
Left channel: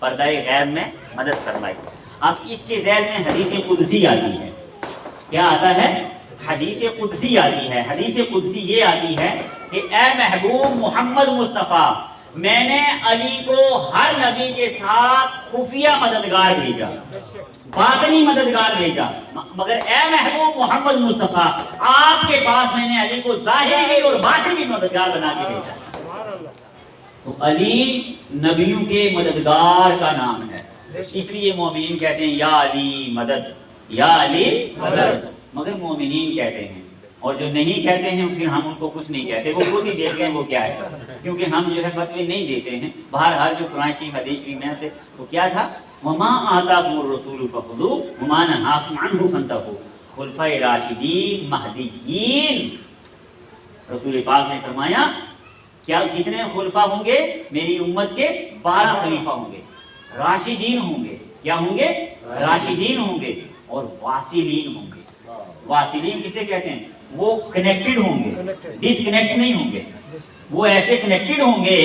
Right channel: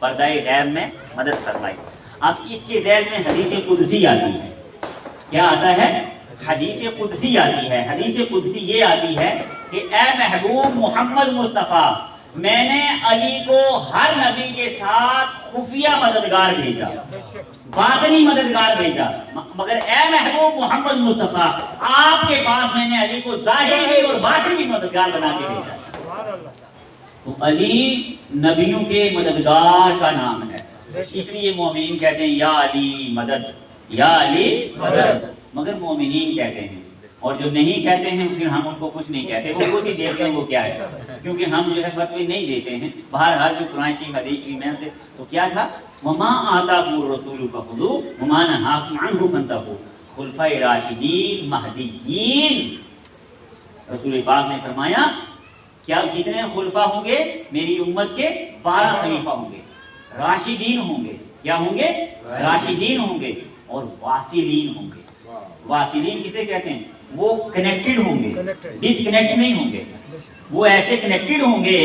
پردہ غیب میں مدد فرمائی. اب اس کے ذیل میں حدیث قدسی آتی ہے. کیا آتا ہے؟ حدیث قدسی آتی ہے. حدیث قدسی یہ آتی ہے کہ اے محبوب محمد مصطفیٰ, میں نے علی کو ہر نبی کے ساتھ خفیہ مددگار بھیجا, باطنی مددگار بھیجا, مگر اے محبوب محمد مصطفیٰ آپ کے پاس میں نے علی کو ظاہری اور باطنی مددگار بنا کے بھیجا. تو علی نبیوں کے مددگار کا نام ہے, اس لیے مومنین کہتے ہیں یا علی مدد, یا علی مدد. مگر مومنین کہتے ہیں, اور جو نہیں کہتے ہیں پھر ہم ان کو کچھ نہیں کہتے, وہ خود ہی دیکھتے ہیں وہ کیا ہے, کیونکہ ہم جو ہے فتوی نہیں دیتے ہیں. بہرحال جو قرآن شریف حدیث شریف میں سے تو کیا تھا, وما آتاکم الرسول فخذوہ وما نہاکم عنہ فانتہوا. خلفائے راشدین مہدیین رسول پاک نے فرمایا کیا کتنے خلفاء ہوں گے؟ میری امت کے 12 خلیفہ ہوں گے، راشدین ہوں گے. کیا ہوں گے؟ راشدین ہوں گے اور واصلین ہوں گے. واصلین کسے کہتے ہیں؟ وہ کنیکٹڈ ہوں گے، ڈس کنیکٹ نہیں ہوں گے. وہ ایسے کنیکٹڈ ہوں گے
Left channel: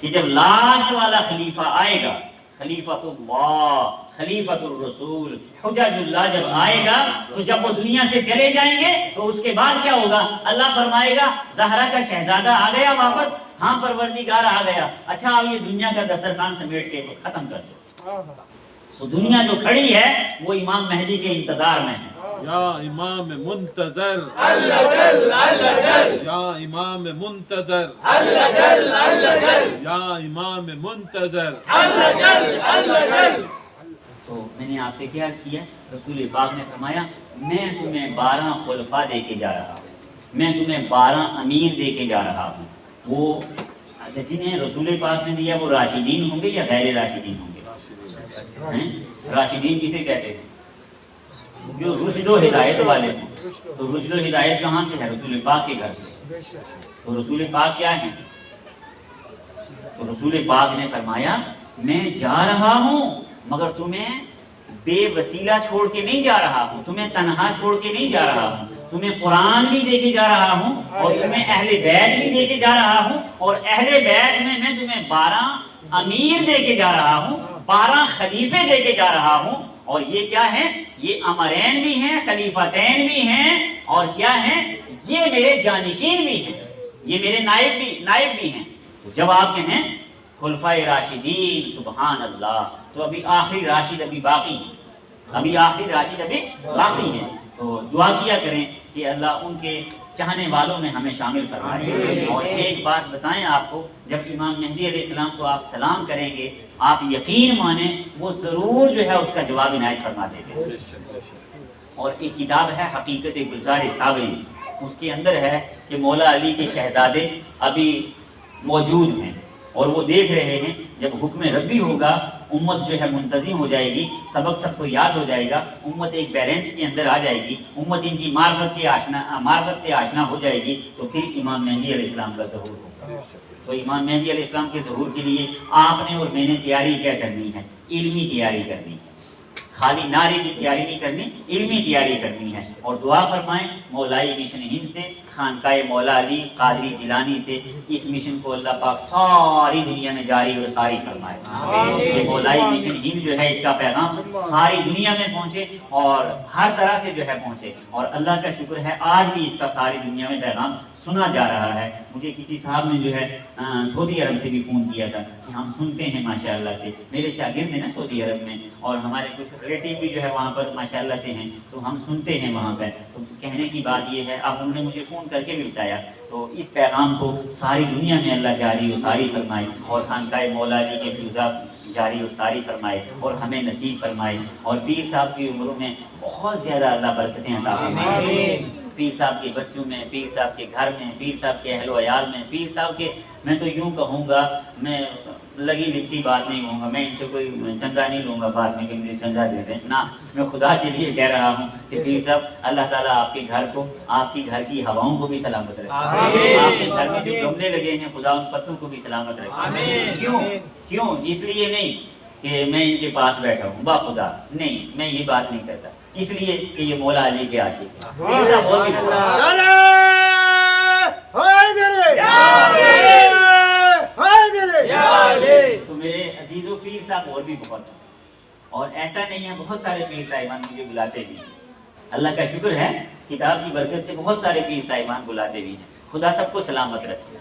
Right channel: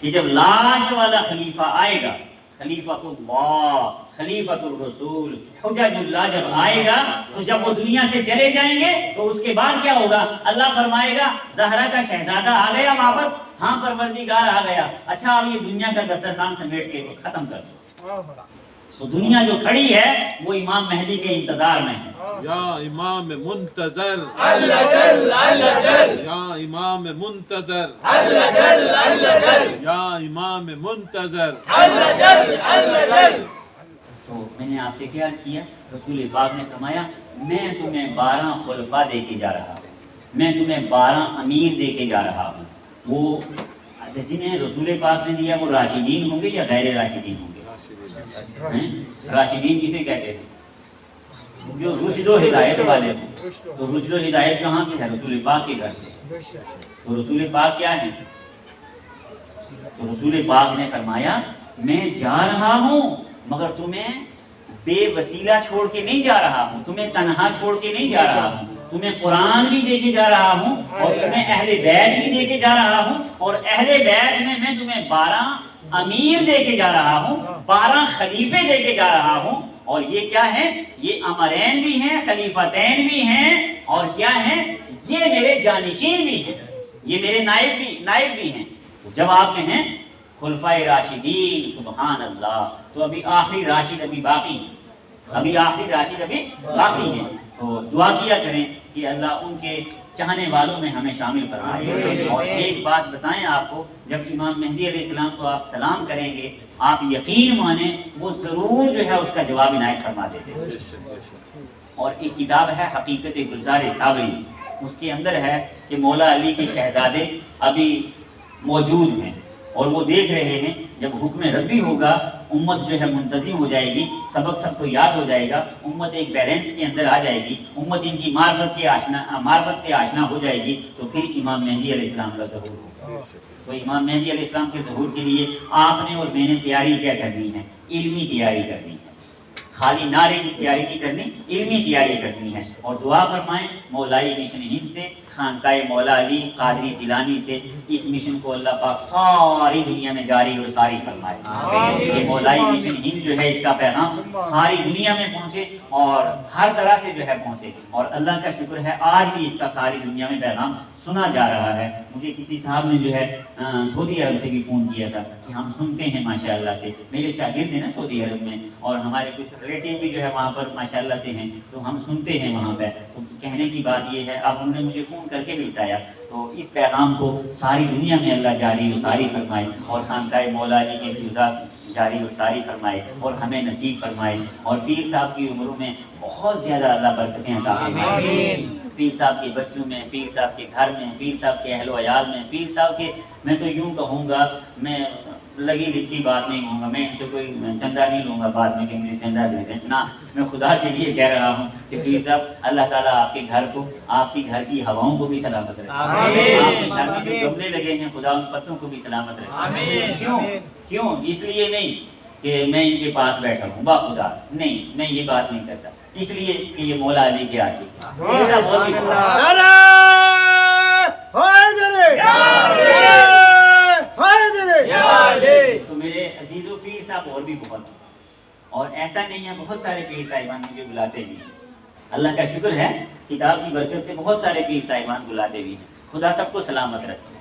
کہ جب لاسٹ والا خلیفہ آئے گا، خلیفۃ اللہ، خلیفۃ الرسول، حجج اللہ جب آئے گا، تو جب وہ دنیا سے چلے جائیں گے تو اس کے بعد کیا ہوگا؟ اللہ فرمائے گا زہرا کا شہزادہ آ گیا واپس، ہاں پروردگار آ گیا، اچھا اب یہ دنیا کا دسترخوان سمیٹ کے ختم کر دو. تو دنیا جو کھڑی ہے وہ امام مہدی کے انتظار میں ہے. یا امام منتظر، اللہ جل اللہ جل، یا امام منتظر، اللہ جل اللہ جل، یا امام منتظر. اللہ جل اللہ جل. تو میں نے آپ سے کیا عرض کیا؟ رسول پاک نے فرمایا میں تمہیں 12 خلفاء دے کے جا رہا ہوں، میں تمہیں 12 امیر دے کے جا رہا ہوں. وہ جنہیں رسول پاک نے دیا وہ راشدین ہوں گے یا غیر راشدین ہوں گے؟ راشدین کسے کہتے ہیں؟ جو رشد و ہدایت والے ہوں. تو رشد و ہدایت کہاں سے ہے؟ رسول پاک کے گھر سے. تو رسول پاک کیا ہے؟ تو رسول پاک نے فرمایا میں جا رہا ہوں مگر تمہیں بے وسیلہ چھوڑ کے نہیں جا رہا ہوں، تمہیں تنہا چھوڑ کے نہیں جا رہا ہوں، تمہیں قرآن بھی دے کے جا رہا ہوں اور تمہیں اہل بیت بھی دے کے جا رہا ہوں. اور اہل بیت میں تمہیں 12 امیر دے کے جا رہا ہوں، 12 خلیفے دے کے جا رہا ہوں. اور یہ کیا ہے؟ یہ امرین بھی ہیں، خلیفتین بھی ہیں، اور کیا ہیں؟ یہ میرے جانشین بھی ہیں، یہ میرے نائب بھی ہیں. تو جب آپ کہیں خلفائے راشدین، سبحان اللہ، تو ابھی آخری راشد ابھی باقی ہیں، ابھی آخری راشد ابھی باقی ہیں. تو دعا کیا کریں کہ اللہ ان کے چاہنے والوں میں ہمیں شامل فرمائے. اور ایک بات بتائیں آپ کو، جب امام مہدی علیہ السلام کو آپ سلام کریں گے آپ یقین مانیں وہ ضرور جو ہے اس کا جواب عنایت فرما دیتے ہیں. اور ایک کتاب ہے حقیقت گلزار صابری، اس کے اندر ہے کہ مولا علی کے شہزادے ابھی موجود ہیں اور وہ دیکھ رہے ہیں جب حکم ربی ہوگا امت جو ہے منتظم ہو جائے گی، سبق سب کو یاد ہو جائے گا، امت ایک بیلنس کے اندر آ جائے گی، امت ان کی معرفت سے آشنا ہو جائے گی، تو پھر امام مہدی علیہ السلام کا ظہور ہوگا. تو امام مہدی علیہ السلام کے ظہور کے لیے آپ نے اور میں نے تیاری کیا کرنی ہے؟ علمی تیاری کرنی ہے. خالی نعرے کی تیاری نہیں کرنی، علمی تیاری کرنی ہے. اور دعا فرمائیں مولائی مشن ہند سے، خانقاہ مولا علی قادری جیلانی سے اس مشن کو اللہ پاک ساری دنیا میں جاری اور ساری فرمائے. کہ مولائی مشن ہند جو ہے اس کا پیغام ساری دنیا میں پہنچے اور ہر طرح سے جو ہے پہنچے. اور اللہ کا شکر ہے آج بھی اس کا ساری دنیا میں پیغام سنا جا رہا ہے. مجھے کسی صاحب نے جو ہے سعودی عرب سے بھی فون کیا تھا کہ ہم سنتے ہیں ماشاءاللہ سے، میرے شاگرد ہیں نا سعودی عرب میں، اور ہمارے کچھ ریلیٹیو بھی جو ہے وہاں پر ماشاءاللہ سے ہیں، تو ہم سنتے ہیں وہاں پہ. تو کہنے کی بات یہ ہے، اب انہوں نے مجھے فون کر کے بھی بتایا، تو اس پیغام کو ساری دنیا میں اللہ جاری و ساری فرمائے اور خانقاہ مولا علی کے فیوزات جاری و ساری فرمائے اور ہمیں نصیب فرمائے. اور پیر صاحب کی عمروں میں بہت زیادہ اللہ برکتیں عطا فرمائے. پیر صاحب کے بچوں میں، پیر صاحب کے گھر میں، پیر صاحب کے اہل و عیال میں، پیر صاحب کے، میں تو یوں کہوں گا، میں لگی لکھی بات نہیں کہوں گا، میں ان سے کوئی چندہ نہیں لوں گا بعد میں کہ مجھے چندہ دے دیں نہ، میں خدا کے لیے کہہ رہا ہوں کہ پیر صاحب اللہ تعالیٰ آپ کے گھر کو، آپ کی گھر کی ہواؤں کو بھی سلامت رکھے. آپ کے گھر میں جو گملے لگے ہیں خدا ان پتوں کو بھی سلامت رکھے. کیوں؟ اس لیے نہیں کہ میں ان کے پاس بیٹھا ہوں با خدا، نہیں، میں یہ بات نہیں کرتا، اس لیے کہ یہ مولا علی کے عاشق ہیں. تو میرے عزیزو پیر صاحب اور بھی بہت ہیں، اور ایسا نہیں ہے، بہت سارے پیر صاحبان مجھے بلاتے بھی ہیں. اللہ کا شکر ہے کتاب کی برکت سے بہت سارے پیر صاحبان بلاتے بھی ہیں. خدا سب کو سلامت رکھے،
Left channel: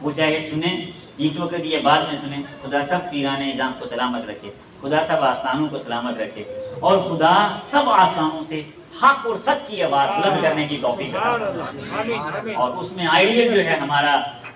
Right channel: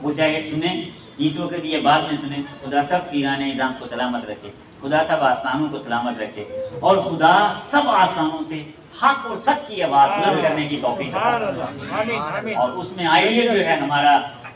وہ چاہے سنیں اس وقت یہ بعد میں سنیں، خدا سب پیران نظام کو سلامت رکھے، خدا سب آستانوں کو سلامت رکھے، اور خدا سب آستانوں سے حق اور سچ کی آواز بلند کرنے کی توفیق عطا فرمائے. اور اس میں آئیڈیل جو ہے ہمارا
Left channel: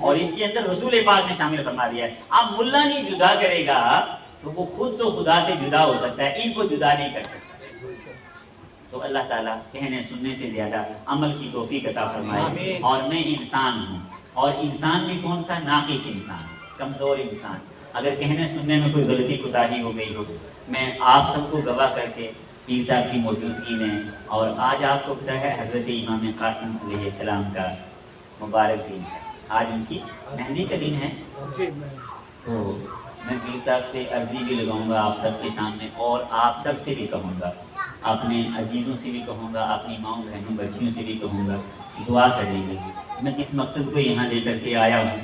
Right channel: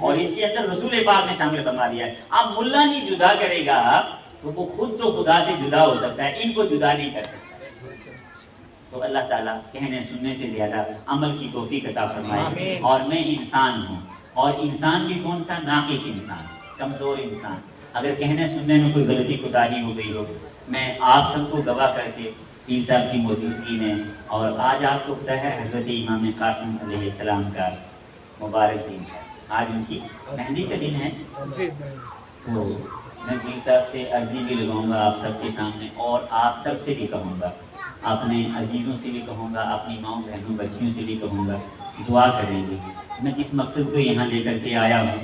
اور اس کے اندر رسول پاک نے شامل فرما دیا ہے. اب ملا جی جدا کرے گا تو وہ خود تو خدا سے جدا ہو سکتا ہے، ان کو جدا نہیں کر سکتا. تو اللہ تعالیٰ کہنے سننے سے زیادہ عمل کی توفیق عطا فرمائے. اور میں انسان ہوں، اور انسان بھی کون سا؟ ناقص انسان، کمزور انسان. اگر کہنے سننے میں کوئی غلطی کوتاہی ہو گئی ہو، میں آپ سب کو گواہ کر کے پیر صاحب کی موجودگی میں، اور آج آپ کو پتہ ہے حضرت امام قاسم علیہ السلام کا مبارک دن ہے، آج ان کی مہندی کا دن ہے. تو میں پیر صاحب سے عرضی بھی لگاؤں گا آپ سب کے سامنے، اور آپ سب سے بھی کہوں گا، اپنے عزیزوں سے بھی کہوں گا، اپنی ماؤں بہنوں بچیوں سے بھی کہوں گا، دعا کریں گے. میں جس مقصد کو یہاں لے کر کے آیا ہوں،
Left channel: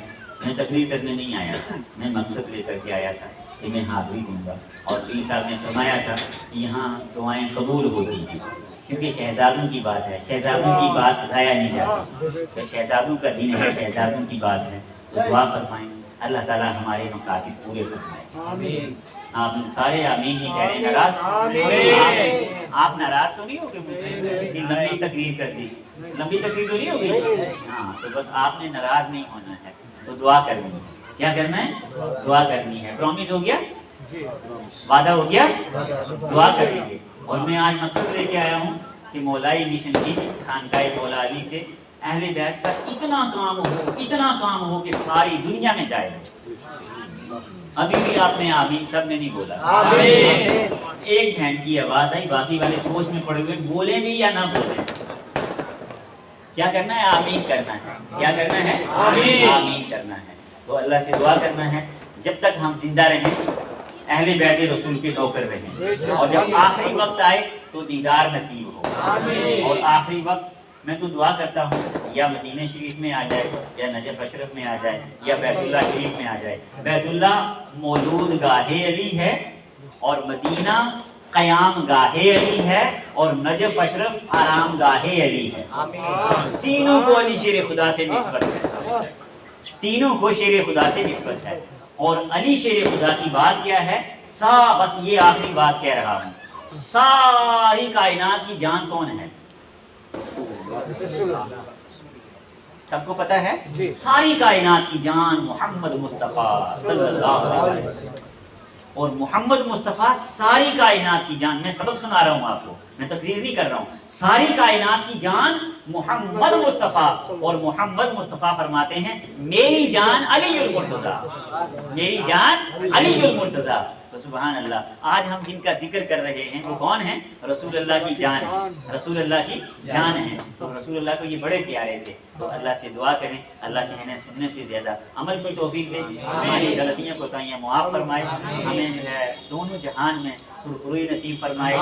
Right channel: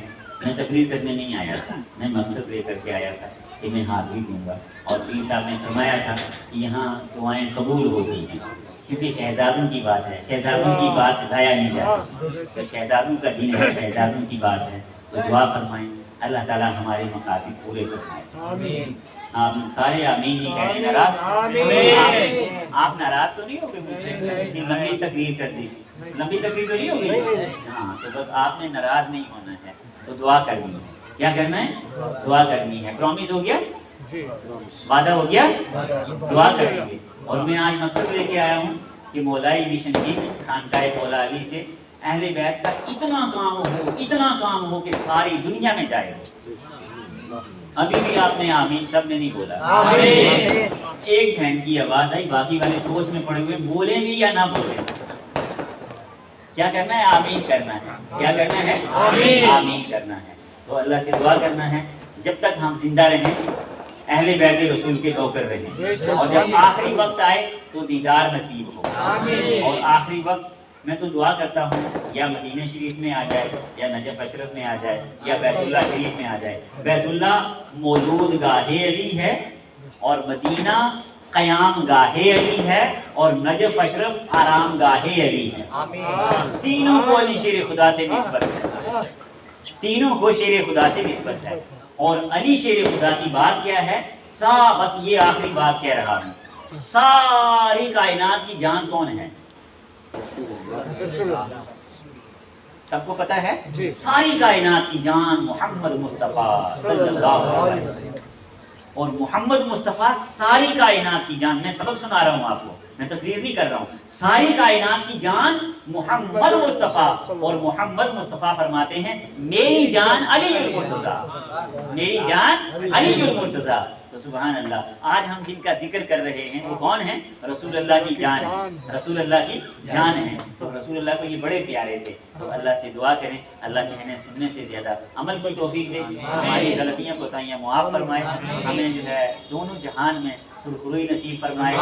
میں تقریر کرنے نہیں آیا تھا، میں مقصد لے کر کے آیا تھا کہ میں حاضری دوں گا. اور پیر صاحب نے فرمایا تھا کہ یہاں دعائیں قبول ہوتی ہیں، کیونکہ شہزادوں کی بات ہے، شہزادوں کی بات ضائع نہیں جاتی. تو شہزادوں کا دین ہے، شہزادوں کی بات ہے، تو دعا فرمائیں اللہ تعالیٰ ہمارے مقاصد پورے فرمائے. آپ سارے آمین نہیں کہہ رہے، ناراض آپ ناراض تو نہیں ہو گئے مجھ سے کہ لمبی تقریر کر دی؟ لمبی تقریر تو نہیں ہو گئی؟ ہاں، تو بس آپ نے ناراض نہیں ہونا ہے، تو دعا کرنی ہے. کیا کرنا ہے؟ دعا کرنی ہے. پرومس ہو گیا؟ وعدہ ہو گیا؟ دعا کریں گے. اور میں آج مقصد لے کے آیا ہوں کہ مولائی مشن کی خانقاہ مولا علی سے اہل بیت کا اتنا کام ہو کہ ساری دنیا میں جائے. ابھی بھی آپ نے آمین سب نے نہیں بولا. ایک بہن کی آواز آئی، باقی والے سوچ میں پڑے ہوئے، بولے بھی یا نہ بولے. کیا کرنا ہے؟ آمین کرنا ہے. کیا کرنا ہے؟ آمین کرنا ہے. تو اللہ سے دعا کرنا ہے جب تک ہم زندہ رہیں اہل بیت رسول کے نوکر رہیں، اور جب آخری وقت آئے تو دیدار نصیب ہو. اور آخری وقت میں تو دعا کرتا ہوں یا مدینہ شریف میں آ جائے، یا نجف اشرف میں آ جائے، یا بیت اللہ شریف میں آ جائے. بیت اللہ مولود گاہ علی ہے، اور مدینہ قیام گاہ علی ہے، اور نجف اشرف آرام گاہ علی ہے. تینوں کو علی شیر خدا سے نسبت ہے، تینوں کو شیر خدا سے نسبت ہے. اور علی شیر خدا کی بات کیا ہے؟ بس یہ آخری بات کہہ رہا ہوں، ساری کائنات کی جان کون ہے؟ سب کو پتہ ہے ساری کائنات کی جان محمد مصطفیٰ صلی اللہ علیہ وسلم. اور محمد مصطفیٰ ساری کائنات کی جان. میں سبق سنا رہا ہوں آپ کو، میں تقریر نہیں کر رہا ہوں. ساری کائنات کی جان محمد مصطفیٰ. اور محمد مصطفیٰ فرماتے ہیں میری جان علی المرتضیٰ، میری جان علی المرتضیٰ. تو سبحان اللہ، آج ہم جن کا ذکر کر رہے ہیں وہ کون ہیں؟ رسول اللہ کی جان ہے، رسول اللہ کی جان ہے. تو رسول اللہ کو یہ بڑے پیارے تھے. تو اللہ سے دعا کریں اللہ کہنے سننے سے زیادہ عمل کی توفیق دے، ہماری غلطیاں کوتاہیاں معاف فرمائے، ہمیں جو ہے دونوں جہان میں سرخروئی نصیب فرمائے.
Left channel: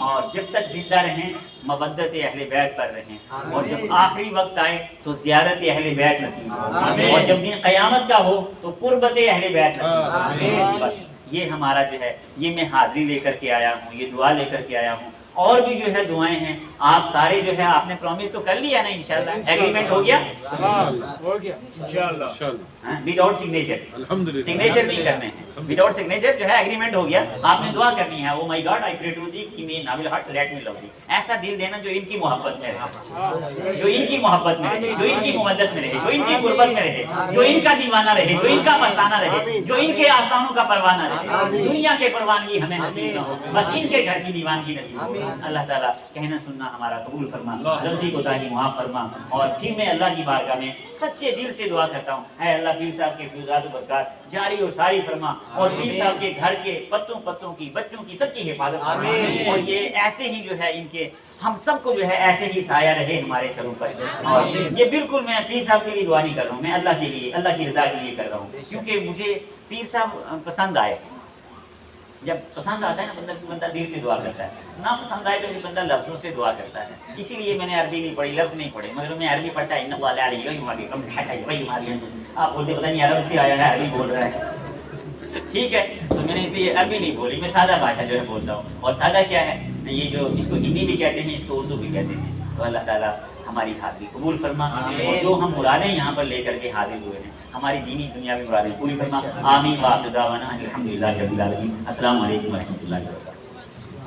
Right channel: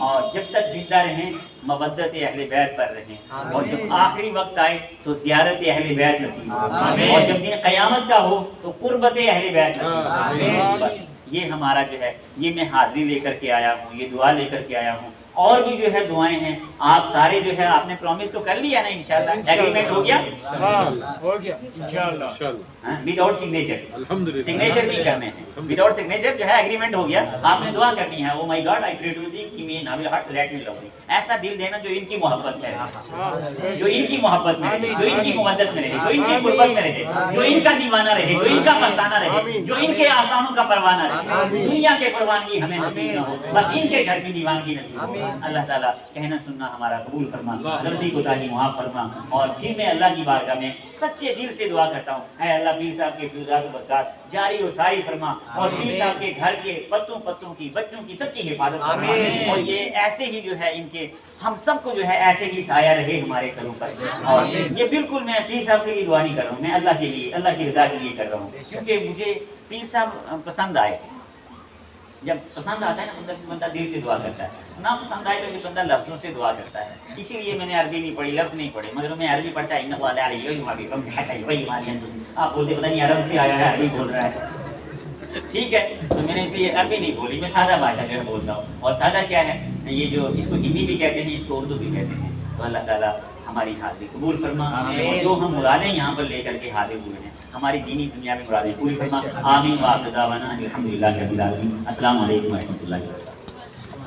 اور جب تک زندہ رہیں مودت اہل بیت پر رہیں، اور جب آخری وقت آئے تو زیارت اہل بیت نصیب ہو، اور جب دن قیامت کا ہو تو قربت اہل بیت نصیب ہو. بس یہ ہمارا جو ہے، یہ میں حاضری لے کر کے آیا ہوں، یہ دعا لے کر کے آیا ہوں. اور بھی جو ہے دعائیں ہیں. آپ سارے جو ہے آپ نے پرومس تو کر لیا نا انشاءاللہ؟ ایگریمنٹ ہو گیا؟ ہو گیا انشاءاللہ. وداؤٹ سگنیچر، الحمدللہ سگنیچر نہیں کرنے ہیں. وداؤٹ سگنیچر جو ہے ایگریمنٹ ہو گیا. آپ نے دعا کرنی ہے، او مائی God I pray to the کہ می ناول ہارٹ لیٹ می لو دی. ایسا دل دینا جو ان کی محبت میں رہے، جو ان کی محبت میں رہے، جو ان کی مودت میں رہے، جو ان کی قربت میں رہے، جو ان کا دیوانہ رہے، جو ان کا مستانہ رہے، جو ان کے آستانوں کا پروانہ رہے. دنیا کے پروانگی ہمیں نصیب نہ ہو، بس ان کے گھر کی دیوانگی نصیب ہو. اللہ تعالیٰ کہنا سننا ہمارا قبول فرما، غلطی کوتاہی معاف فرما. اور پھر میں اللہ کی بارگاہ میں سچے دل سے دعا کرتا ہوں، اے اللہ پیر صاحب کے فیضات و برکات جاری اور ساری فرما، اور پیر صاحب کے گھر کے پتوں کی بچوں کی سب کی حفاظت فرما. اور یہ ایسے ہی جو ہے ان کے ہم سب کو جو ہے ایسے ہی سایہ رہے ہمارے سروں پر. اور یہ بالکل میں پیر صاحب کے لیے دعا نہیں کر رہا ہوں، میں اللہ کے لیے، اللہ کی رضا کے لیے کر رہا ہوں. کیونکہ مجھے پیر صاحب پسند آئے. جب پسند آتا ہے نا بندہ دل سے دعا کرتا ہے، نہ پسند آئے تو پھر بندہ لفظوں سے دعا کرتا ہے. اسی لیے میں نے عربی نہیں پڑھی، لفظ نہیں پڑھے، مگر میں عربی پڑھتا ہے. آپ بولتے پتہ نہیں عرب سے آیا ہے عربی بول رہا ہے، ٹھیک ہے. تو میں نے اس لیے عربی نہیں بولی، میں سادہ بھاشا جو ہے بولتا ہوں. اور سادہ کیا ہے، یہ جو اس کو ہندی بھی کہتے ہیں، اس کو اردو بھی کہتے ہیں. تو اللہ تعالیٰ ہماری حاضری قبول فرما، اور جو ہم مرادیں یہاں پر لے کر کے حاضر ہوئے ہیں ہماری دینی دنیاوی مرادیں پوری فرما. آمین. وآخر دعوانا الحمدللہ رب العالمین. السلام علیکم ورحمۃ اللہ وبرکاتہ.